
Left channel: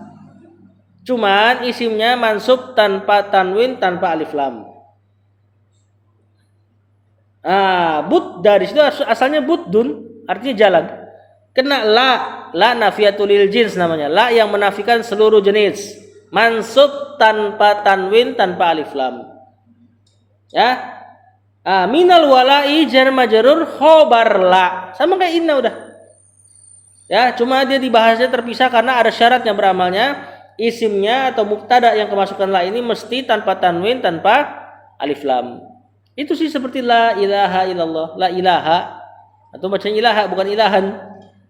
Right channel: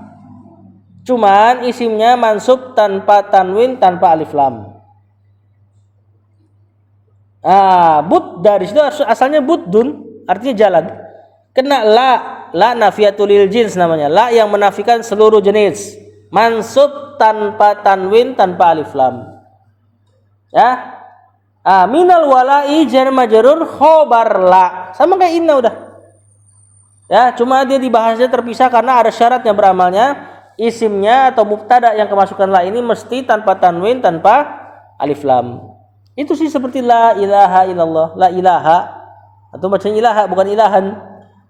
Cuman isimnya mansub tanpa tanwin, tanpa alif lam. Bud dari situ asalnya buddun, artinya jalan. Kena la nafiyatul lil jins namanya. La yang menafikan seluruh jenis. Mansub tanpa tanwin, tanpa alif lam. Minal wala'i jar majrur khobar la. Sama kayak inna udah. Ya, cuma dia dibahasnya terpisah karena ada syaratnya beramalnya. Isimnya atau mubtada yang kemasukan la ini mesti tanpa tanwin, tanpa alif lam. Itu sih seperti la ilaha illallah, la ilaha. Atau bacanya ilaha bukan ilahan.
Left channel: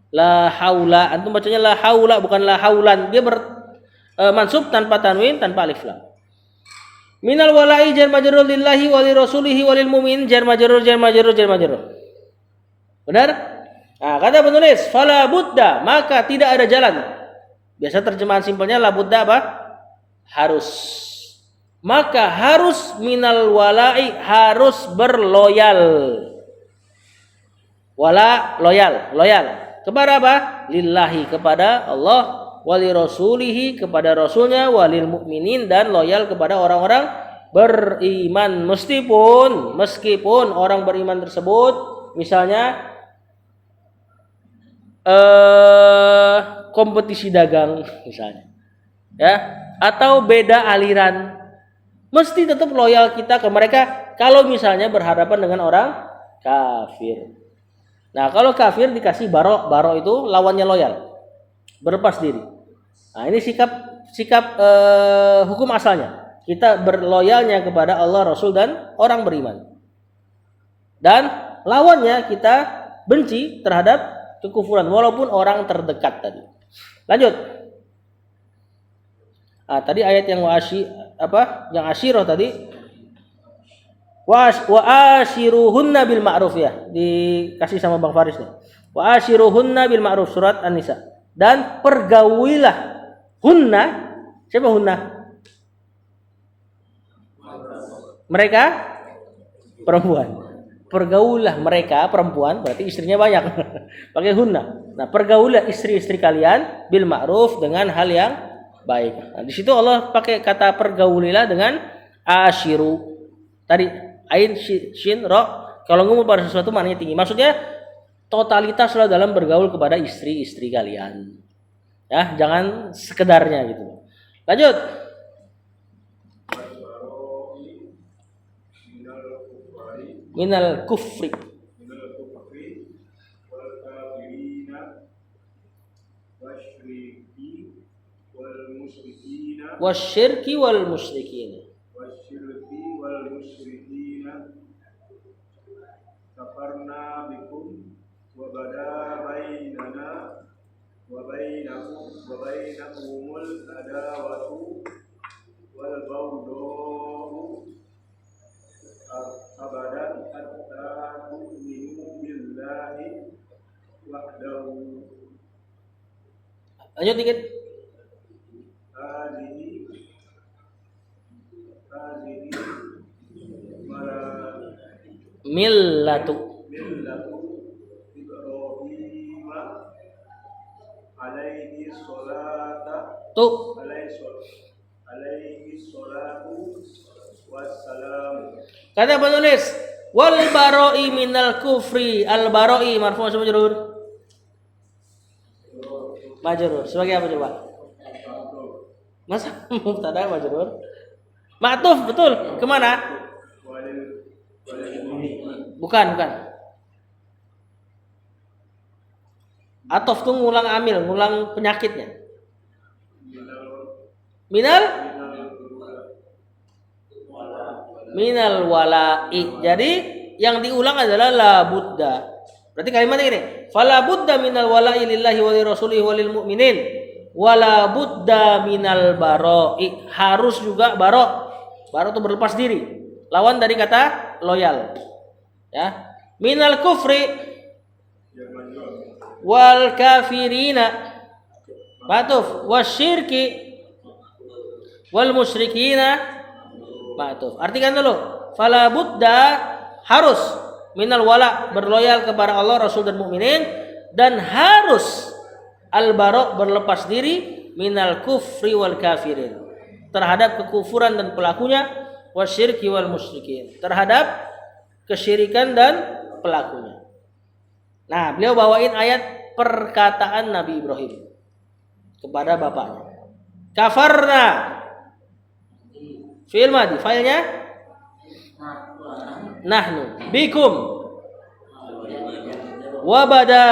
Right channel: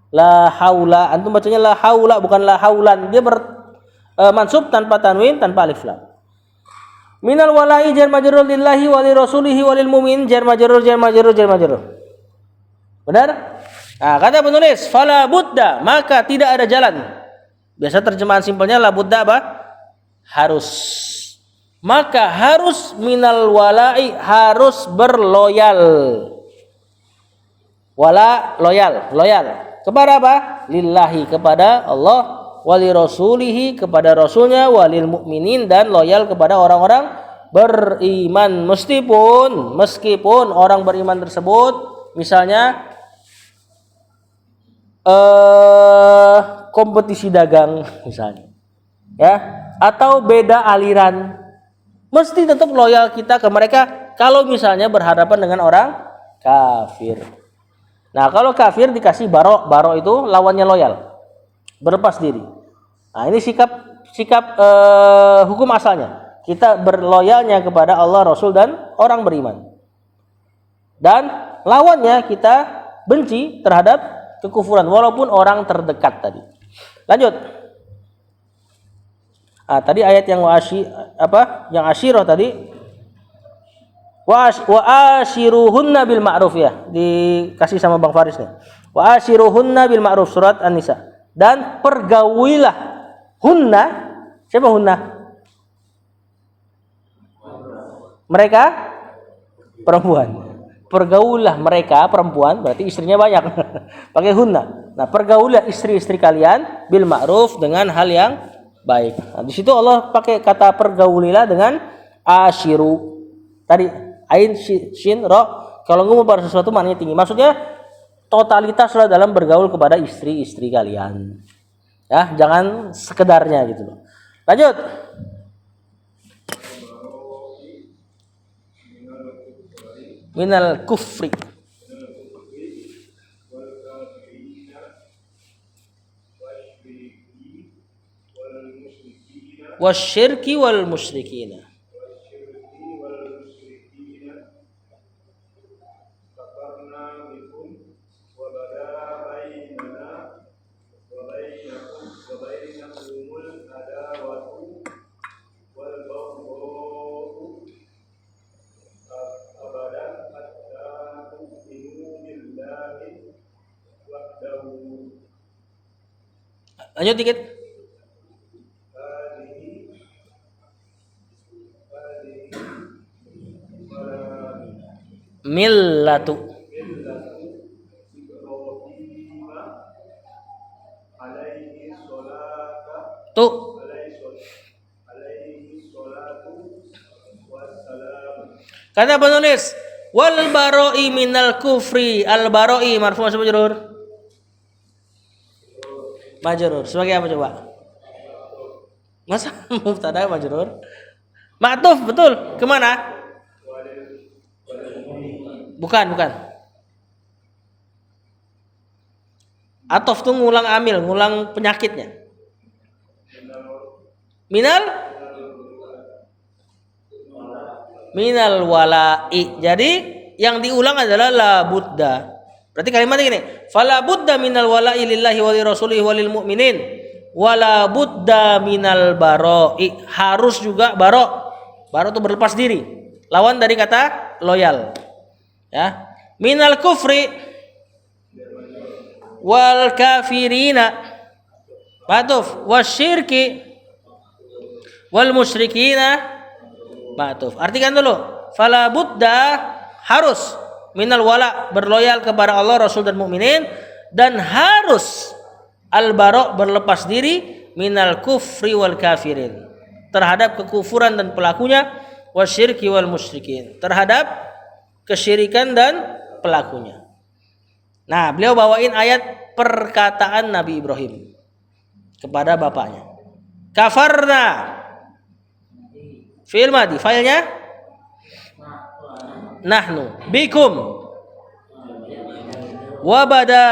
La haula, antum bacanya la haula bukan la haulan. Dia mansub tanpa tanwin, tanpa alif lam. Minal wala'i jar majrur lillahi wa li rasulihi wa lil mu'min jar majrur. Benar? Nah, kata penulis, fala budda, maka tidak ada jalan. Biasa terjemahan simpelnya la budda apa? Harus. Maka harus minal wala'i, harus berloyal. Wala loyal. Kepada apa? Lillahi, kepada Allah, wali rasulihi, kepada rasulnya, walil mukminin, dan loyal kepada orang-orang beriman. Meskipun orang beriman tersebut misalnya kompetisi dagang misalnya, ya, atau beda aliran, mesti tetap loyal kita ke mereka kalau misalnya berhadapan dengan orang kafir. Nah, kalau kafir dikasih baro itu lawannya loyal, berlepas diri. Nah, ini sikap hukum asalnya. Kita berloyalnya kepada Allah, Rasul, dan orang beriman. Dan lawannya kita benci terhadap kekufuran walaupun orang terdekat tadi. Lanjut. Tadi ayat yang yang asyirah tadi. Wa ashiruhunna bil ma'ruf, ya, dikasih sama Bang Faris nih. Wa ashiruhunna bil ma'ruf, surat An-Nisa. Dan pergaulilah hunna. Siapa hunna? Mereka perempuan. Pergaulilah mereka perempuan, berarti istrinya banyak. Pakai hunna. Nah, pergaulilah istri-istri kalian bil ma'ruf, dengan hal yang baik. Nah, di situ Allah pakai kata pergaulilah dengan ashiru. Tadi ain shin ro, kalau ngomong pada sesuatu maknanya tinggi. Maksudnya totalitaslah dalam bergaul kepada istri-istri kalian. Ya, jangan sekedarnya gitu. Lanjut. Minal kufri wasyirki wal musyrikina. Lanjut dikit. Millatu tu. Kata penulis, wal baro'i minal kufri. Al baro'i marfu' sama majrur. Majrur. Sebagai apa coba? Masa mubtada majrur? Ma'tuf, betul. Kemana? Bukan. Atof tuh ngulang amil, ngulang penyakitnya. Minal wala'i. Jadi yang diulang adalah la budda. Berarti kalimatnya gini, fala budda minal wala'i lillahi wa li rasulihi wa lil mu'minin wala budda minal baro'i. Harus juga baro. Baro itu berlepas diri. Lawan dari kata loyal. Ya. Minal kufri wal kafirina. Matuf wasyirki wal musyrikina. Matuf. Artikan dulu. Fala budda, harus minal wala, berloyal kepada Allah, Rasul, dan mukminin, dan harus al-bara, berlepas diri minal kufri wal kafirin, terhadap kekufuran dan pelakunya, wasyirki wal musyrikin, terhadap kesyirikan dan pelakunya. Nah, beliau bawain ayat perkataan Nabi Ibrahim kepada bapaknya. Kafarna, fi'il madi, failnya nahnu bikum wabada,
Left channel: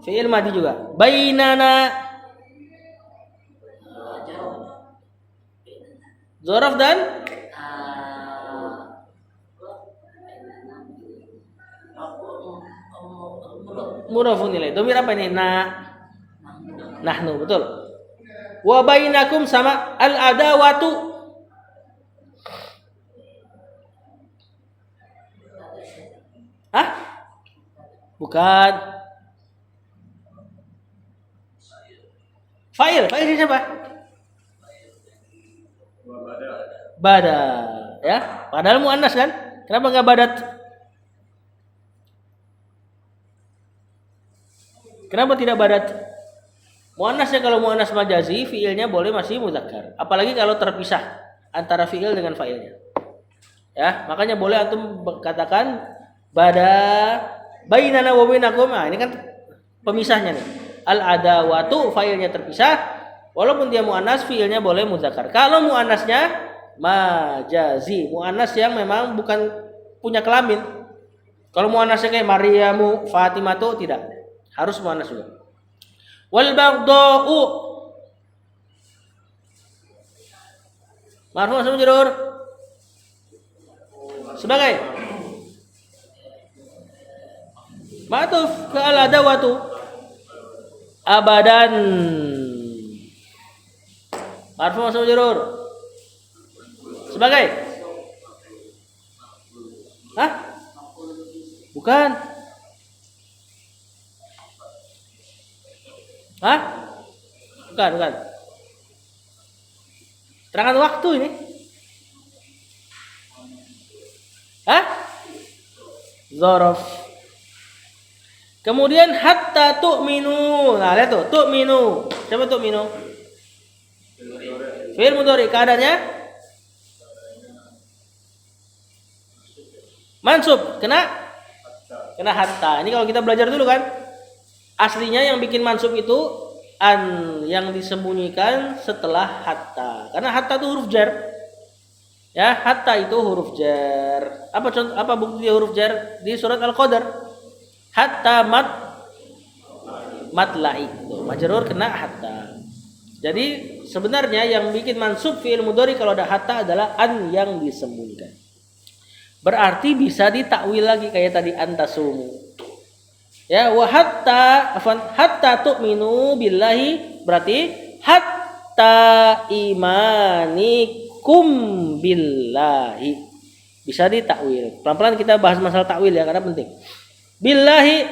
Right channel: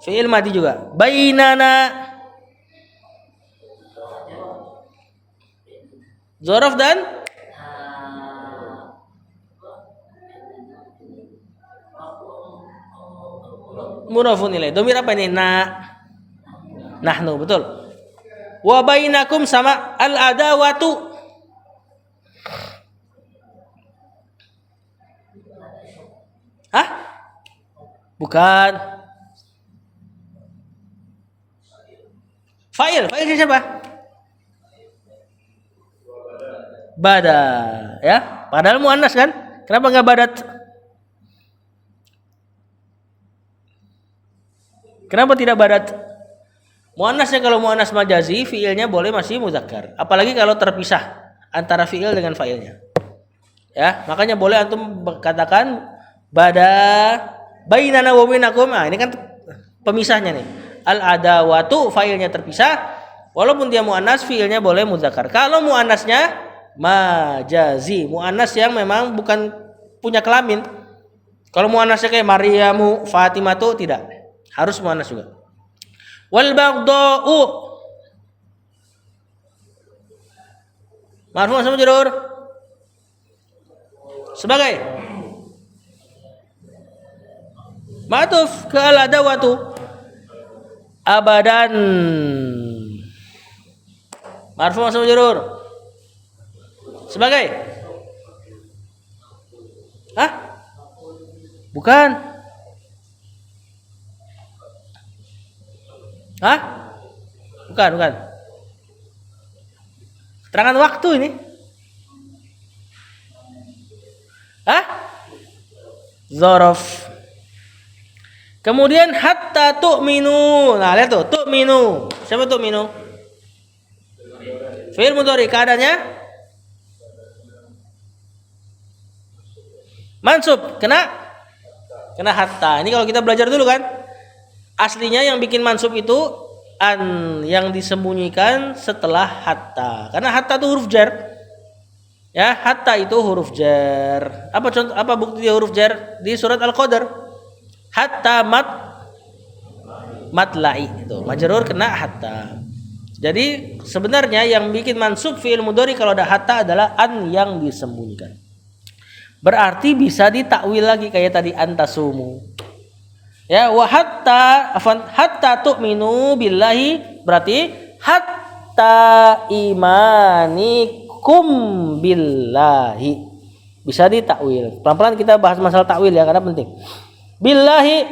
fi'il madi juga. Bainana, dzaraf dan mudhafun ilaih. Dhamir apa ini? Nahnu, betul. Wa bainakum sama al adawatu, Hah? Bukan. Fa'il siapa? Bada, ya. Padahal muannas kan? Kenapa nggak badat? Kenapa tidak badat? Muannasnya kalau muannas majazi, fiilnya boleh masih muzakkar. Apalagi kalau terpisah antara fiil dengan fa'ilnya. Ya, makanya boleh antum katakan bada bainana wa bainakum. Nah, ini kan pemisahnya nih. Al adawatu fa'ilnya terpisah, walaupun dia muannas fiilnya boleh muzakkar. Kalau muannasnya majazi, muannas yang memang bukan punya kelamin. Kalau muannasnya kayak Maryamu, Fatimatu tidak. Harus muannas juga. Wal baghdau marfu sama majrur sebagai ma'tuf ke al adawatu abadan marfu sama majrur sebagai bukan bukan terangan waktu ini zorof. Kemudian hatta tu'minu. Nah, lihat tuh, tu'minu. Siapa tu'minu? Fi'il mudhari, keadaannya mansub, kena hatta. Ini kalau kita belajar dulu kan. Aslinya yang bikin mansub itu an, yang disembunyikan setelah hatta. Karena hatta itu huruf jar. Ya, hatta itu huruf jar. Apa contoh, apa bukti dia huruf jar? Di surat Al-Qadar. Hatta matla'i itu majrur kena hatta. Jadi sebenarnya yang bikin mansub fi'il mudhari kalau ada hatta adalah an yang disembunyikan. Berarti bisa ditakwil lagi kayak tadi antasumu. Ya, wa hatta tu'minu billahi berarti hatta imanikum billahi. Bisa ditakwil. Pelan-pelan kita bahas masalah takwil ya karena penting. Billahi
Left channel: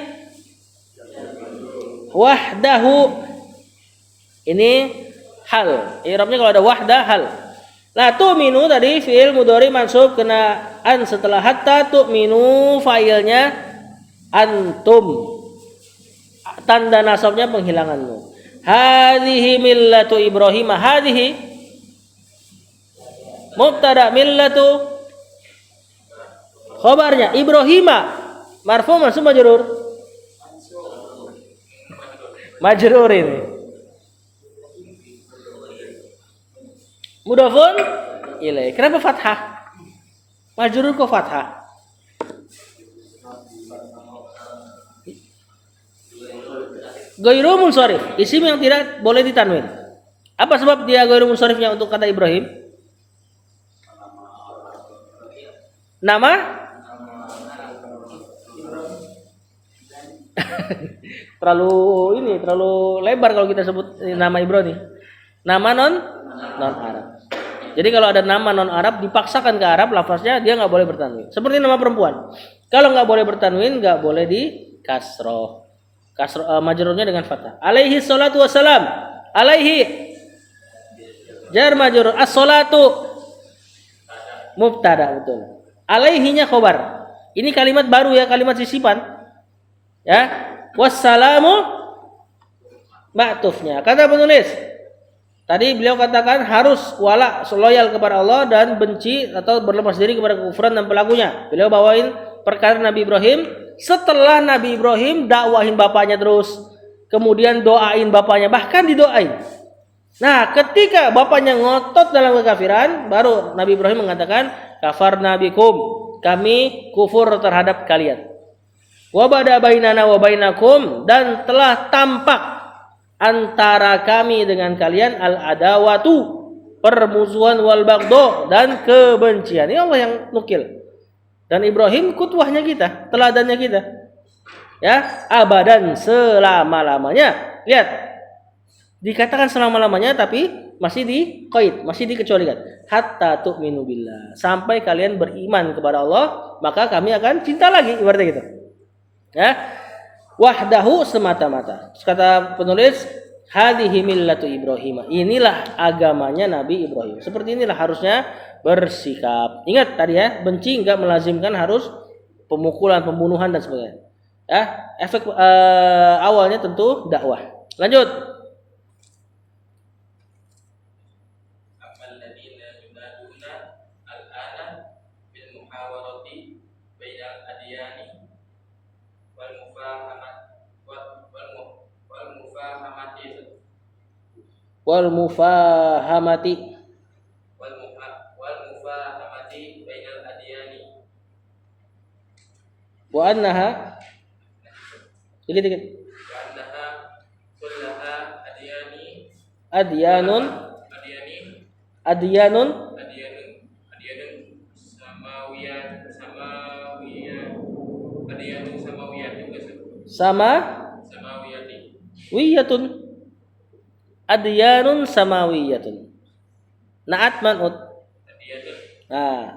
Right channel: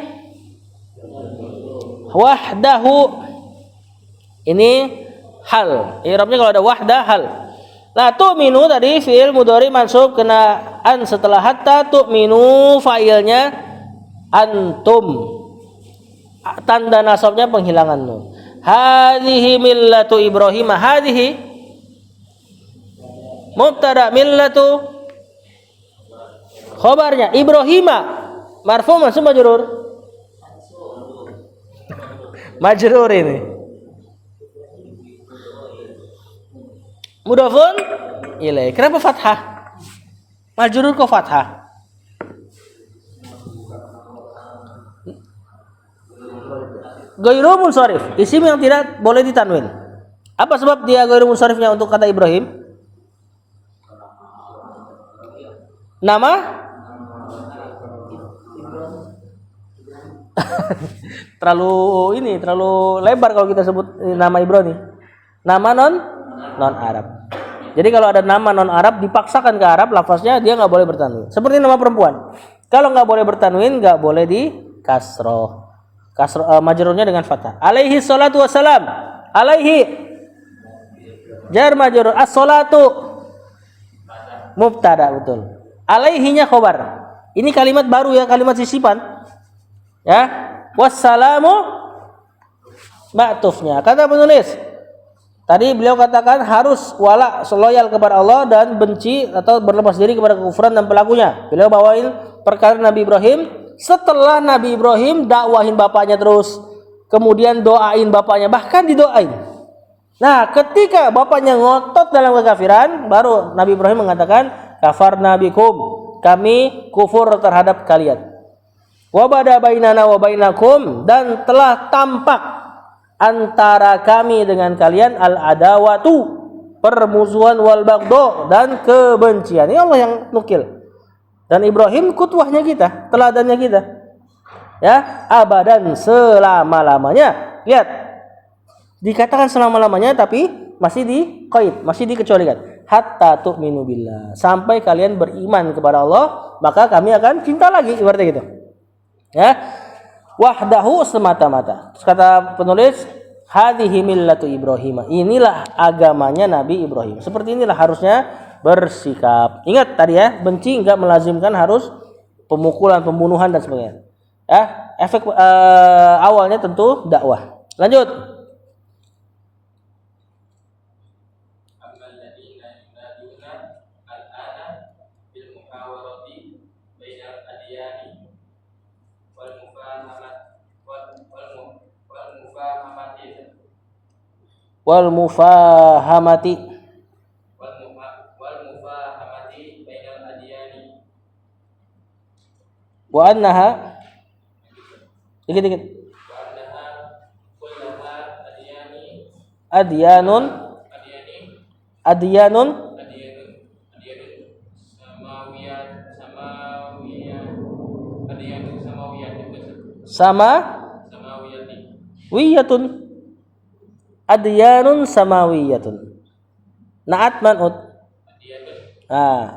wahdahu ini hal. I'rabnya kalau ada wahdah hal. Nah, tu'minu tadi fi'il mudhari mansub kena an setelah hatta, tu'minu fa'ilnya antum, tanda nasabnya penghilangan nun. Hadhihi millatu Ibrahim. Hadhihi mubtada, millatu khabarnya Ibrahim marfu mansub majrur. Majrur ini mudhafun ilaih. Kenapa fathah? Majrur kok fathah? Ghairu munsharif, isim yang tidak boleh ditanwin. Apa sebab dia ghairu munsharifnya untuk kata Ibrahim? Nama? terlalu lebar kalau kita sebut nama Ibrahim. Nama non Arab. Jadi kalau ada nama non Arab dipaksakan ke Arab, lafaznya dia nggak boleh bertanwin. Seperti nama perempuan. Kalau nggak boleh bertanwin, nggak boleh di kasroh. Majrurnya dengan fathah. Alaihi salatu wassalam. Alaihi jar majrur, as-salatu mubtada, betul. Alaihinya khabar. Ini kalimat baru ya, kalimat sisipan. Ya. Wassalamu ma'tufnya. Kata penulis, tadi beliau katakan harus wala, loyal kepada Allah dan benci atau berlepas diri kepada kekufuran dan pelakunya. Beliau bawain perkara Nabi Ibrahim. Setelah Nabi Ibrahim dakwahin bapaknya terus, kemudian doain bapaknya, bahkan didoain. Nah, ketika bapaknya ngotot dalam kekafiran, baru Nabi Ibrahim mengatakan, kafarna bikum, kami kufur terhadap kalian. Wa bada bainana wa bainakum, dan telah tampak antara kami dengan kalian al-adawatu, permusuhan, wal baghdha, dan kebencian. Ini Allah yang nukil. Dan Ibrahim kutwahnya kita, teladannya kita. Ya, abadan, selama-lamanya. Lihat. Dikatakan selama-lamanya tapi masih di qaid, masih dikecualikan. Hatta tu'minu billah. Sampai kalian beriman kepada Allah, maka kami akan cinta lagi, ibaratnya gitu. Ya. Wahdahu semata-mata. Kata penulis, hadhihi millatu Ibrahim. Inilah agamanya Nabi Ibrahim. Seperti inilah harusnya bersikap. Ingat tadi ya, benci enggak melazimkan harus pemukulan, pembunuhan dan sebagainya. Ya, efek awalnya tentu dakwah. Lanjut. Wal mufahamati bainal adyani wa annaha dikit wa annaha kullaha adyanun samawiyatun adyanun samawiyatun. Naat man'ut.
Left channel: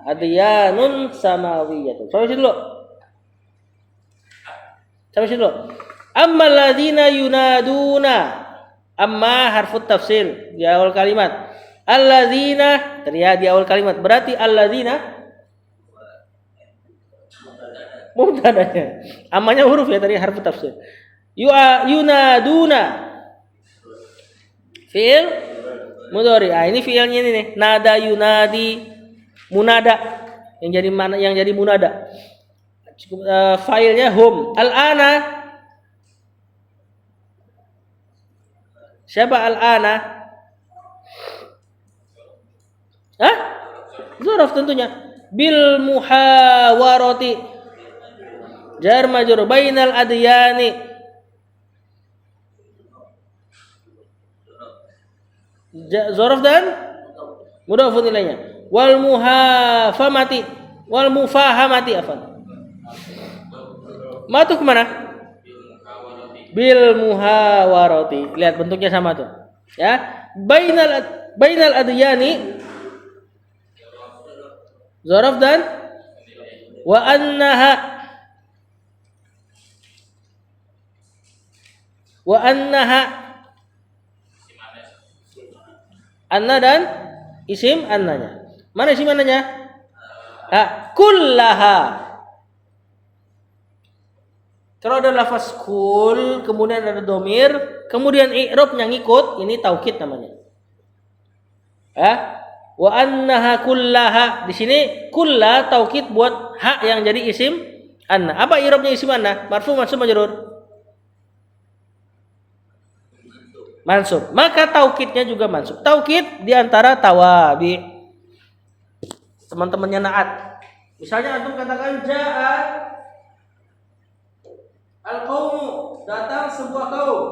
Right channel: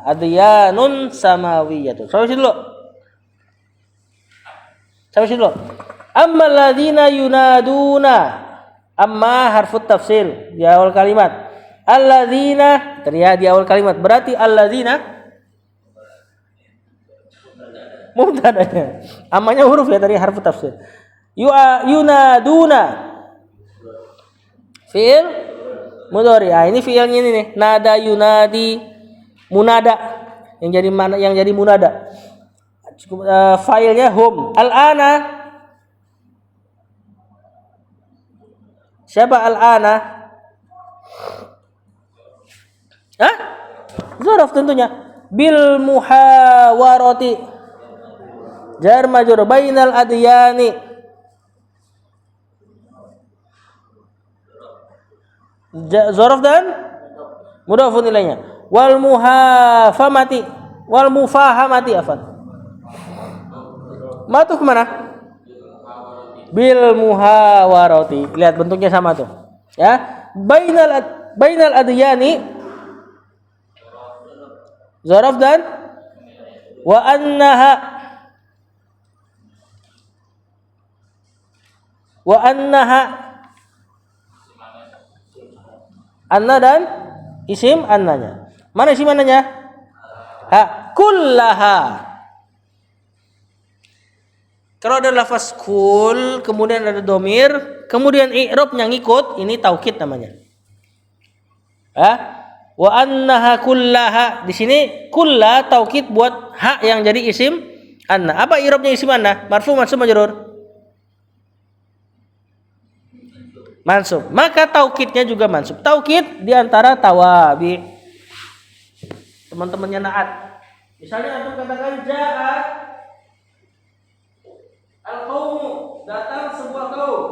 Adyanun samawiyatun. Sampai sini dulu. Amma alladzina yunaduna. Amma harfut tafsir di awal kalimat. Alladzina terlihat di awal kalimat. Berarti alladzina mubtada'nya. Ammanya huruf ya tadi harfut tafsir. Yunaduna. Fi'il mudhari. Ini fi'ilnya ini nih. Nada yunadi munada yang jadi munada. Failnya hum. Al-ana. Siapa al-ana? Hah? Zaraf tentunya. Bil muhawarati. Jar majrur bainal adyani. Zaraf dan mudhafun ilaihnya. Wal mufahamati afan. Matu kemana? Bil muhawarati. Lihat bentuknya sama tuh. Ya. Bainal adyani. Zaraf dan wa annaha anna dan isim annanya. Mana isim annanya? Kullaha. Kalau ada lafaz kul, kemudian ada domir, kemudian i'rab yang ngikut, ini taukid namanya. Wa annaha kullaha. Di sini kulla taukid buat ha yang jadi isim anna. Apa i'rabnya isim anna? Marfu, mansub, majrur. Mansub. Maka taukidnya juga mansub. Taukid diantara tawabi. Teman-temannya naat. Misalnya antum katakan ja'a al-qaumu, datang sebuah kaum.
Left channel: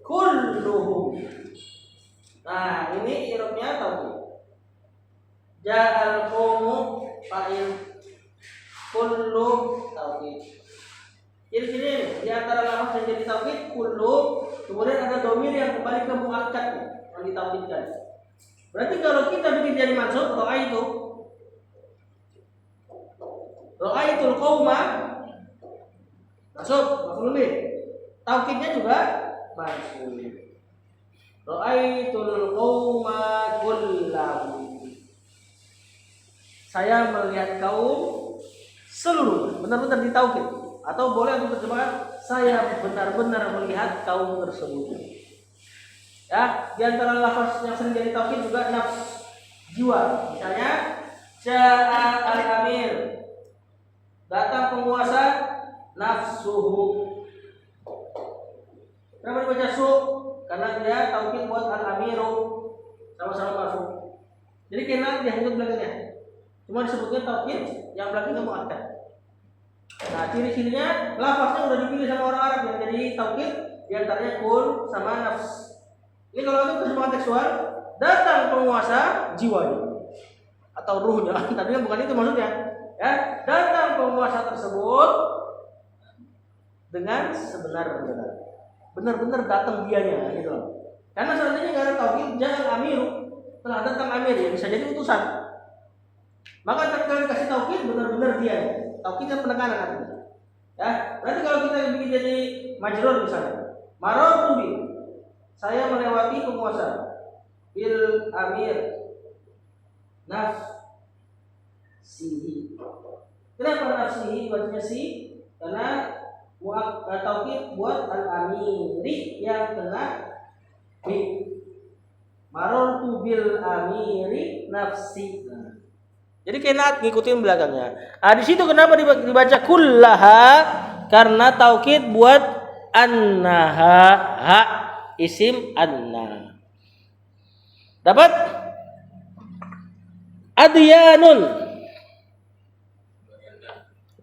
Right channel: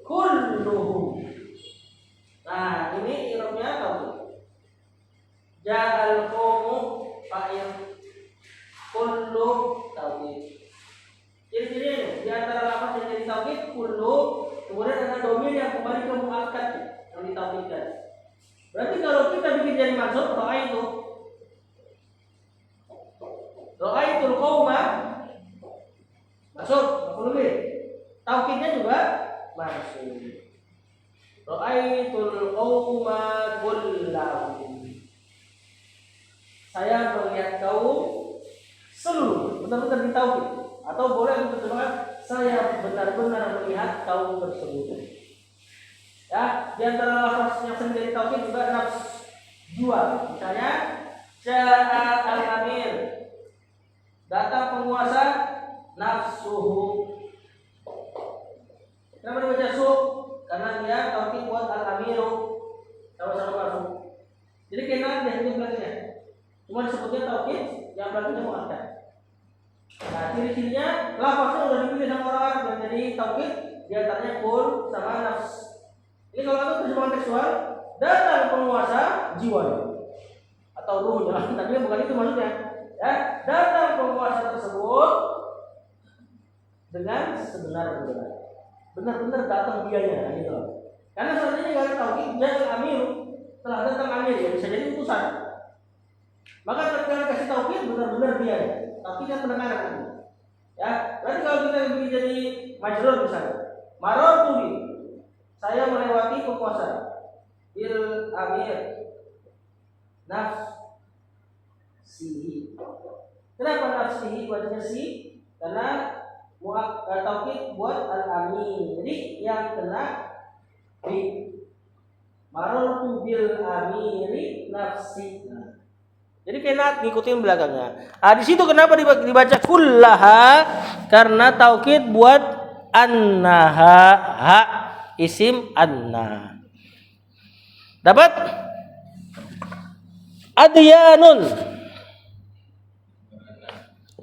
Kulluhum. Nah, ini i'rabnya taukid. Ja'al qaumu fa'il. Kullu taukid. Ciri-ciri di antara lafaz yang jadi taukid kullu. Kemudian ada domir yang kembali ke muakkad yang ditaukidkan. Berarti kalau kita bikin jadi mansub, ra'aitul qauma mansub, maf'ul bih. Taukidnya juga mansub. Ra'aitul qauma kullahum. Saya melihat kaum seluruh, benar-benar ditaukid. Atau boleh untuk terjemahkan, saya benar-benar melihat kaum tersebut. Ya, di antara lafaz yang sering jadi taukid juga nafs, jiwa. Misalnya, ja'a al-amir, datang penguasa, nafsuhu. Kenapa dibaca su? Karena dia taukid buat al-amiru, sama-sama marfu. Jadi kenapa dia hidup belakangnya? Cuma disebutnya taukid, yang belakangnya muakkad. Nah, ciri-cirinya lafaznya udah dipilih sama orang Arab yang jadi taukid, diantaranya kul sama nafs. Ini kalau itu terjemahan tekstual, datang penguasa jiwanya atau ruhnya, tapi bukan itu maksudnya. Ya, datang penguasa tersebut dengan sebenar-benar, benar-benar datang dianya, gitu loh. Karena seandainya nggak ada taukid, jangan amiru, telah datang amir ya bisa jadi utusan. Maka ketika dikasih taukid benar-benar dia. Taukidnya penekanan. Ya, berarti kalau kita bikin jadi majrur misalnya, marartu bi, saya melewati penguasa, bil amir, nafsihi. Kenapa nafsihi wajibnya si? Karena taukid buat al-amiri yang kena bi. Marartu bil amiri nafsi. Jadi kena ngikutin belakangnya. Di situ kenapa dibaca kullaha? Karena taukid buat annaha, ha isim anna. Dapat? Adyanun.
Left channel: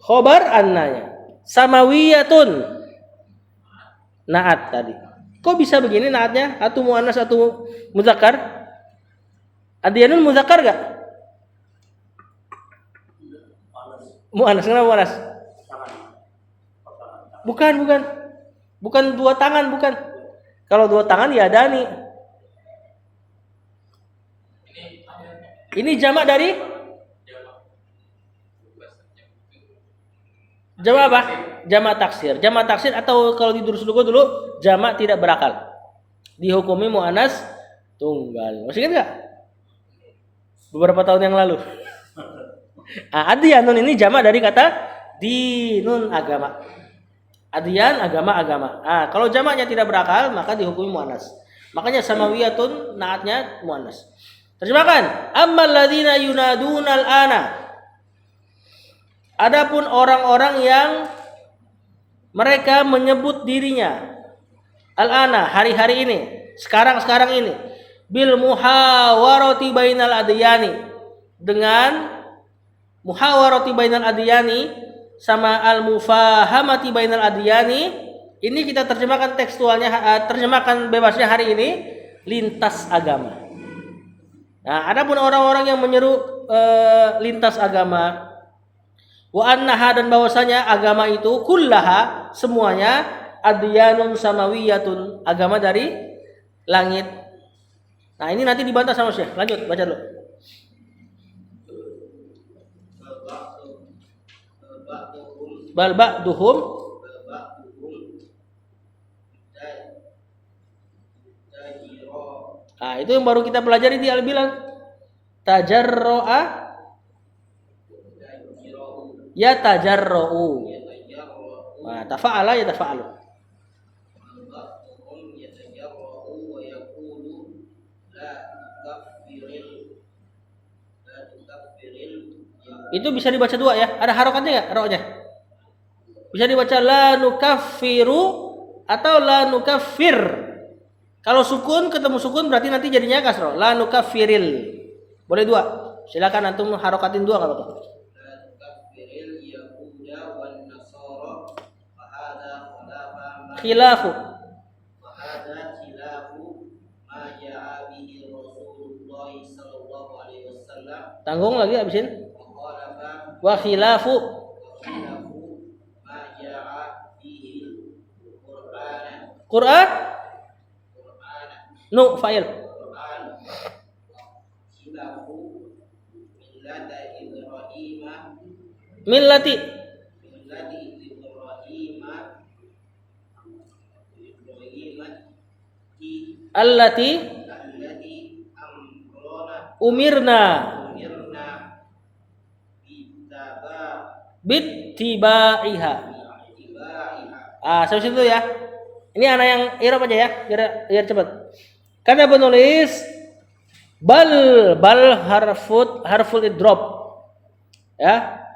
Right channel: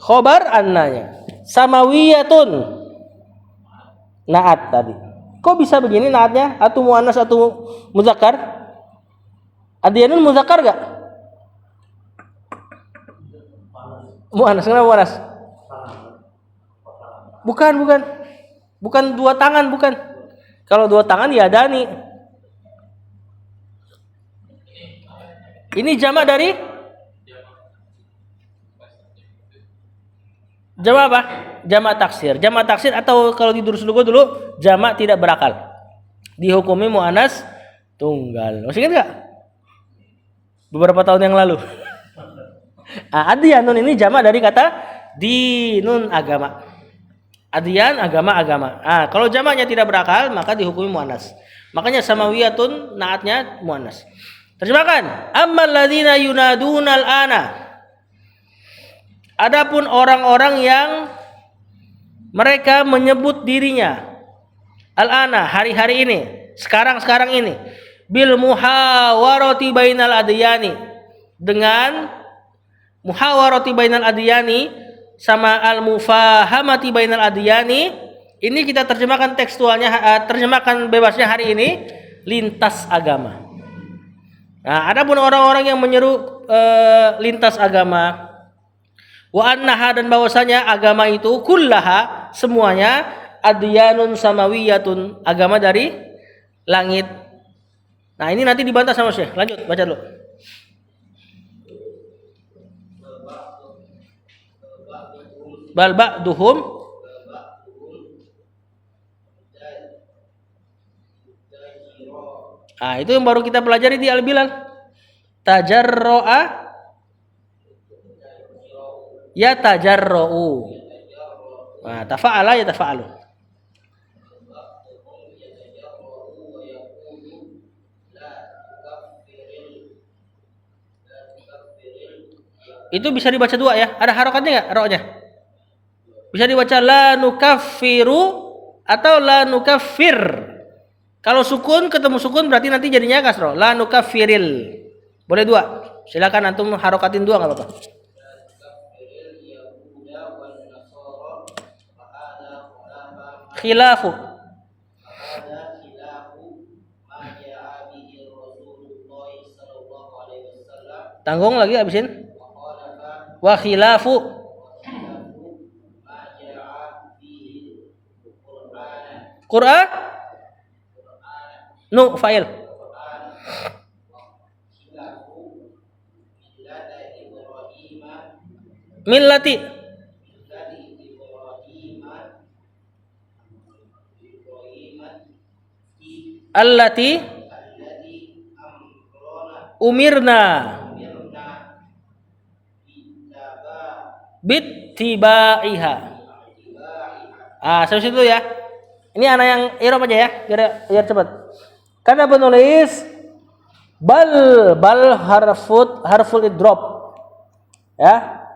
Khobar annanya. Samawiyatun. Naat tadi. Kok bisa begini naatnya? Atau muannas atau muzakkar? Adyanun muzakkar gak? Muannas, kenapa muannas? Bukan dua tangan, bukan. Kalau dua tangan ya adani. Ini jamak dari jamak apa? Jamak taksir. Jamak taksir atau kalau di Durus Lugo dulu jamak tidak berakal. Dihukumi muannas tunggal. Masih ingat enggak? Beberapa tahun yang lalu. Adyanun ini jamak dari kata dinun, agama. Adyan agama. Kalau jamaknya tidak berakal maka dihukumi muannas. Makanya samawiyatun naatnya muannas. Terjemahkan, ammal ladzina yunadunal ana. Adapun orang-orang yang mereka menyebut dirinya al-ana, hari-hari ini, sekarang ini, bil muhawarati bainal adyani, dengan muhawarati bainal adyani sama al-mufahamati bainal adyani. Ini kita terjemahkan tekstualnya, terjemahkan bebasnya hari ini, lintas agama. Nah, adapun orang-orang yang menyeru lintas agama, wa annaha, dan bahwasanya agama itu kullaha, semuanya, adyanun samawiyatun, agama dari langit. Nah, ini nanti dibantah sama Syekh. Lanjut baca dulu. Bal ba'duhum itu yang baru kita pelajari di al-bilal. Tajarro'a ya tajarro'u. Nah, tafa'ala ya tafa'alu. Itu bisa dibaca dua ya. Ada harokatnya nggak? Roknya bisa dibaca la nukaffiru atau la nukaffir. Kalau sukun ketemu sukun berarti nanti jadinya kasroh. La nukaffiril. Boleh dua. Silakan antum harokatin dua nggak apa-apa. Khilafu. Tanggung lagi habisin. Wa khilafu. Quran. Nu fa'il. Millati. Allati umirna bittibaiha. Sampai situ ya. Ini anak yang irob aja ya, biar cepat. Karena penulis bal harful idrop. Ya.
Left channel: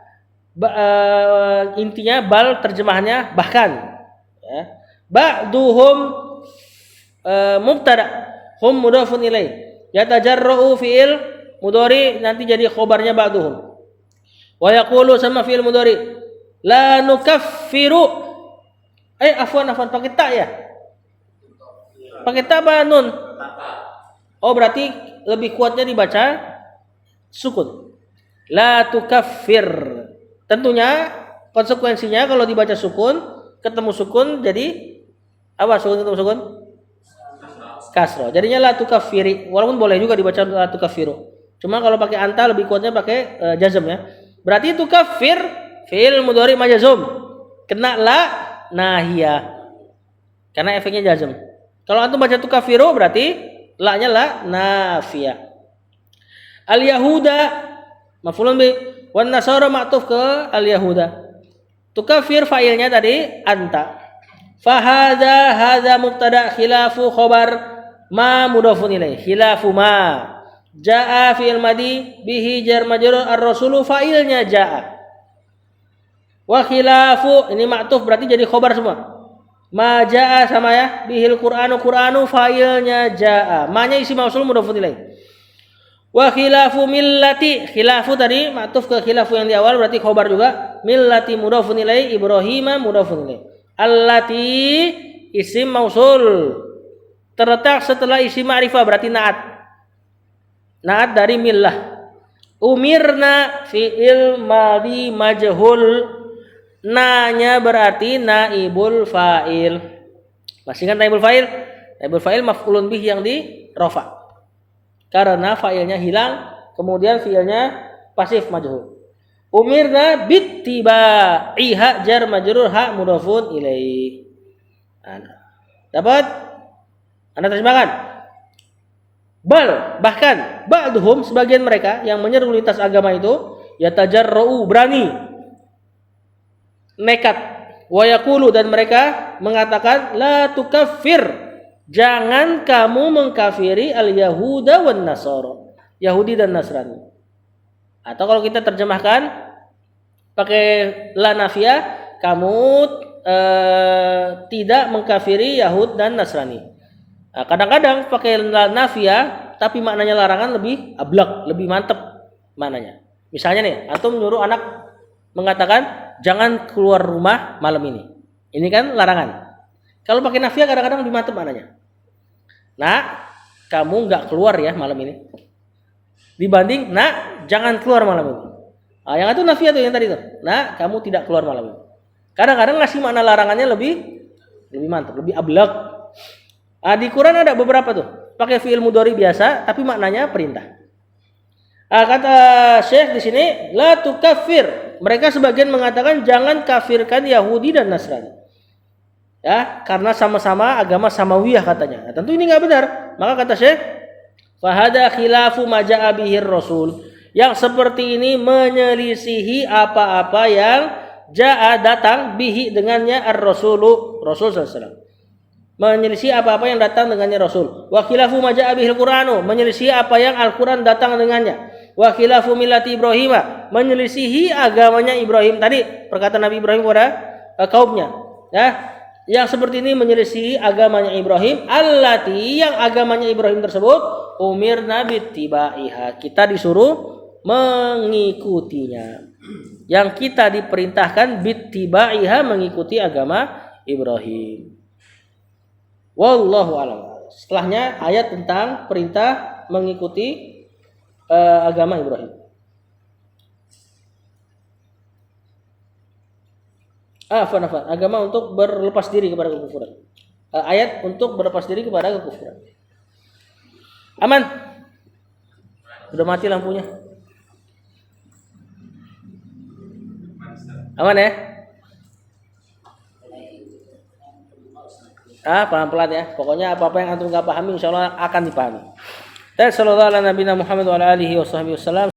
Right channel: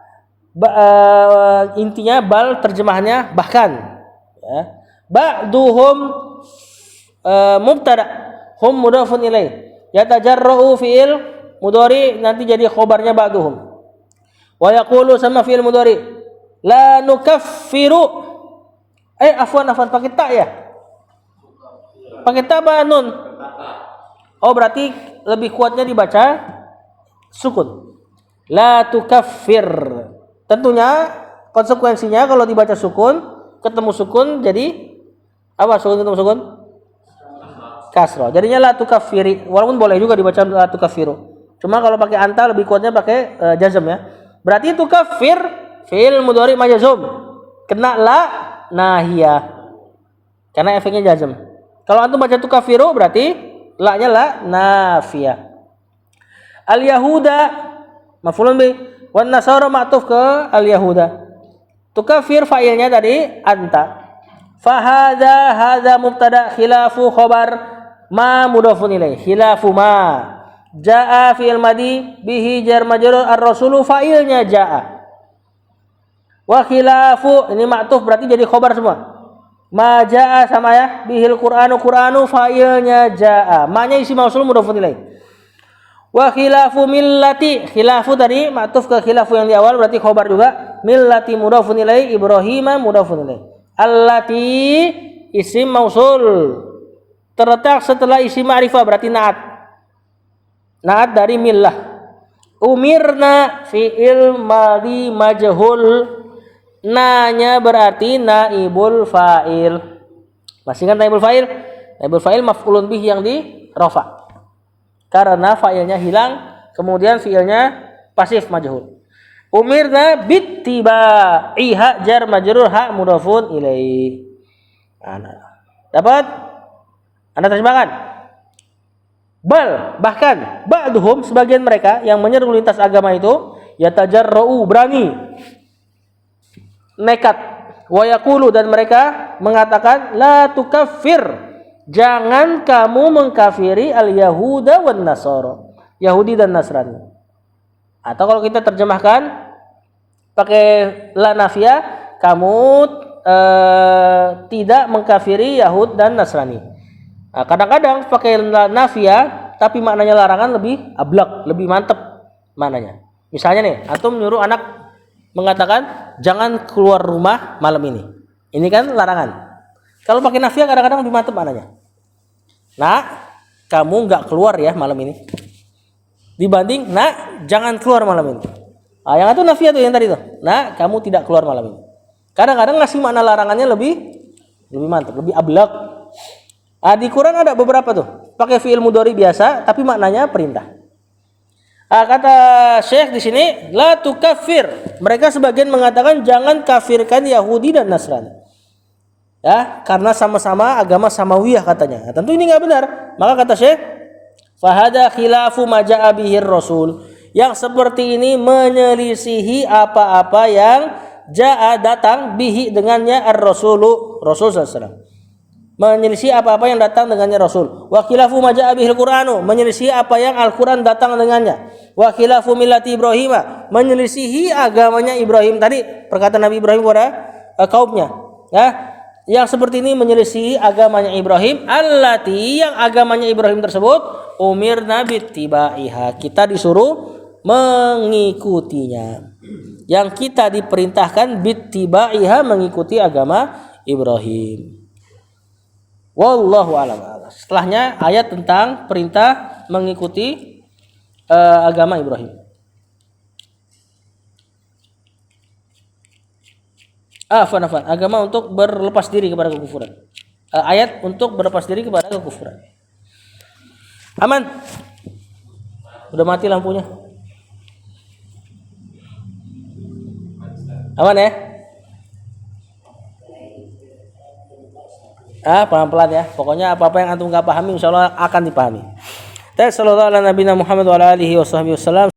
Intinya bal terjemahannya bahkan. Ya. Ba'duhum mubtada, hum mudhafun ilaih. Yatajarra'u fi'il mudhari nanti jadi khobarnya ba'duhum. Wa yaqulu sama fi'il mudhari la nukaffiru. Afwan pakai ta ya? Pakai ta apa nun? Oh, berarti lebih kuatnya dibaca sukun. La tukaffir. Tentunya konsekuensinya kalau dibaca sukun, ketemu sukun jadi apa? Sukun ketemu sukun? kasroh. Jadinya la tukaffiri, walaupun boleh juga dibaca la tukaffiru. Cuma kalau pakai anta lebih kuatnya pakai jazm ya. Berarti tukaffir fi'il mudhari majzum. Kena la nahiyah. Karena efeknya jazm. Kalau antum baca tukaffiru berarti la-nya la nafiyah. Al yahuda maf'ulun bi, wan nasara ma'tuf ke al yahuda. Tukaffir fa'ilnya tadi anta. Hadza mubtada khilafu khabar ma mudhafun ilaih. Khilafu ma. Jaa fi'il madi bihi jar majrur ar-rasulu fa'ilnya jaa. Wa khilafu ini ma'tuf berarti jadi khabar semua. Ma jaa sama ya bihil qur'anu fa'ilnya jaa. Ma-nya isi mausul mudhafun ilaih. Wa khilafu millati, khilafu tadi ma'tuf ke khilafu yang di awal berarti khabar juga. Millati mudhafun ilaih, Ibrahim mudhafun ilaih. Allati isim mausul terletak setelah isim ma'rifah berarti naat dari millah. Umirna fi'il madi majhul, na-nya berarti naibul fa'il. Masih ingat naibul fa'il? Naibul fa'il maf'ulun bih yang di rafa. Karena fa'ilnya hilang, kemudian fi'ilnya pasif majhul. Umirna bittiba'iha jar majrur ha mudhafun ilaih. Dapat? Anda terjemahkan? Bahkan ba'duhum sebagian mereka yang menyeru lintas agama itu yatajarra'u berani, nekat, wa yaqulu dan mereka mengatakan la tukaffir, jangan kamu mengkafiri al yahuda wan nasara, Yahudi dan Nasrani. Atau kalau kita terjemahkan pakai la nafiyah, kamu tidak mengkafiri Yahud dan Nasrani. Nah, kadang-kadang pakai la nafiyah tapi maknanya larangan lebih ablak, lebih mantep maknanya. Misalnya nih, antum nyuruh anak mengatakan jangan keluar rumah malam ini. Ini kan larangan. Kalau pakai nafiyah kadang-kadang lebih mantep maknanya. Nah, kamu nggak keluar ya malam ini. Dibanding nak jangan keluar malam ini. Yang itu nafiyah tuh yang tadi tuh. Nah, kamu tidak keluar malam ini. Kadang-kadang ngasih makna larangannya lebih mantap, lebih ablak. Di Quran ada beberapa tuh. Pakai fi'il mudhari biasa tapi maknanya perintah. Kata Syekh di sini la tukaffir. Mereka sebagian mengatakan jangan kafirkan Yahudi dan Nasrani. Ya, karena sama-sama agama samawiyah katanya. Nah, tentu ini enggak benar. Maka kata Syekh fahada khilafu ma ja'a bihir rasul. Yang seperti ini menyelisihi apa-apa yang ja'a datang bihi dengannya ar-rasulu, Rasul sallallahu. Menyelisih apa-apa yang datang dengannya Rasul. Wa khilafu ma ja'a bihil Qur'anu, menyelisihi apa yang Al-Qur'an datang dengannya. Wa khilafu millati Ibrahim, menyelisihi agamanya Ibrahim. Tadi perkataan Nabi Ibrahim kepada kaumnya. Ya, yang seperti ini menyelisihi agamanya Ibrahim, allati yang agamanya Ibrahim tersebut umirna bittiba'iha, kita disuruh mengikutinya. Yang kita diperintahkan bittiba'iha, mengikuti agama Ibrahim. Wallahu a'lam. Setelahnya ayat tentang perintah mengikuti agama Ibrahim. Afan, agama untuk berlepas diri kepada kekufuran. Ayat untuk berlepas diri kepada kekufuran. Aman? Udah mati lampunya. Aman ya? Pelan-pelan ya. Pokoknya apa-apa yang antum enggak pahami insyaallah akan dipahami. Sallallahu alaihi Muhammad wa ala alihi wasallam.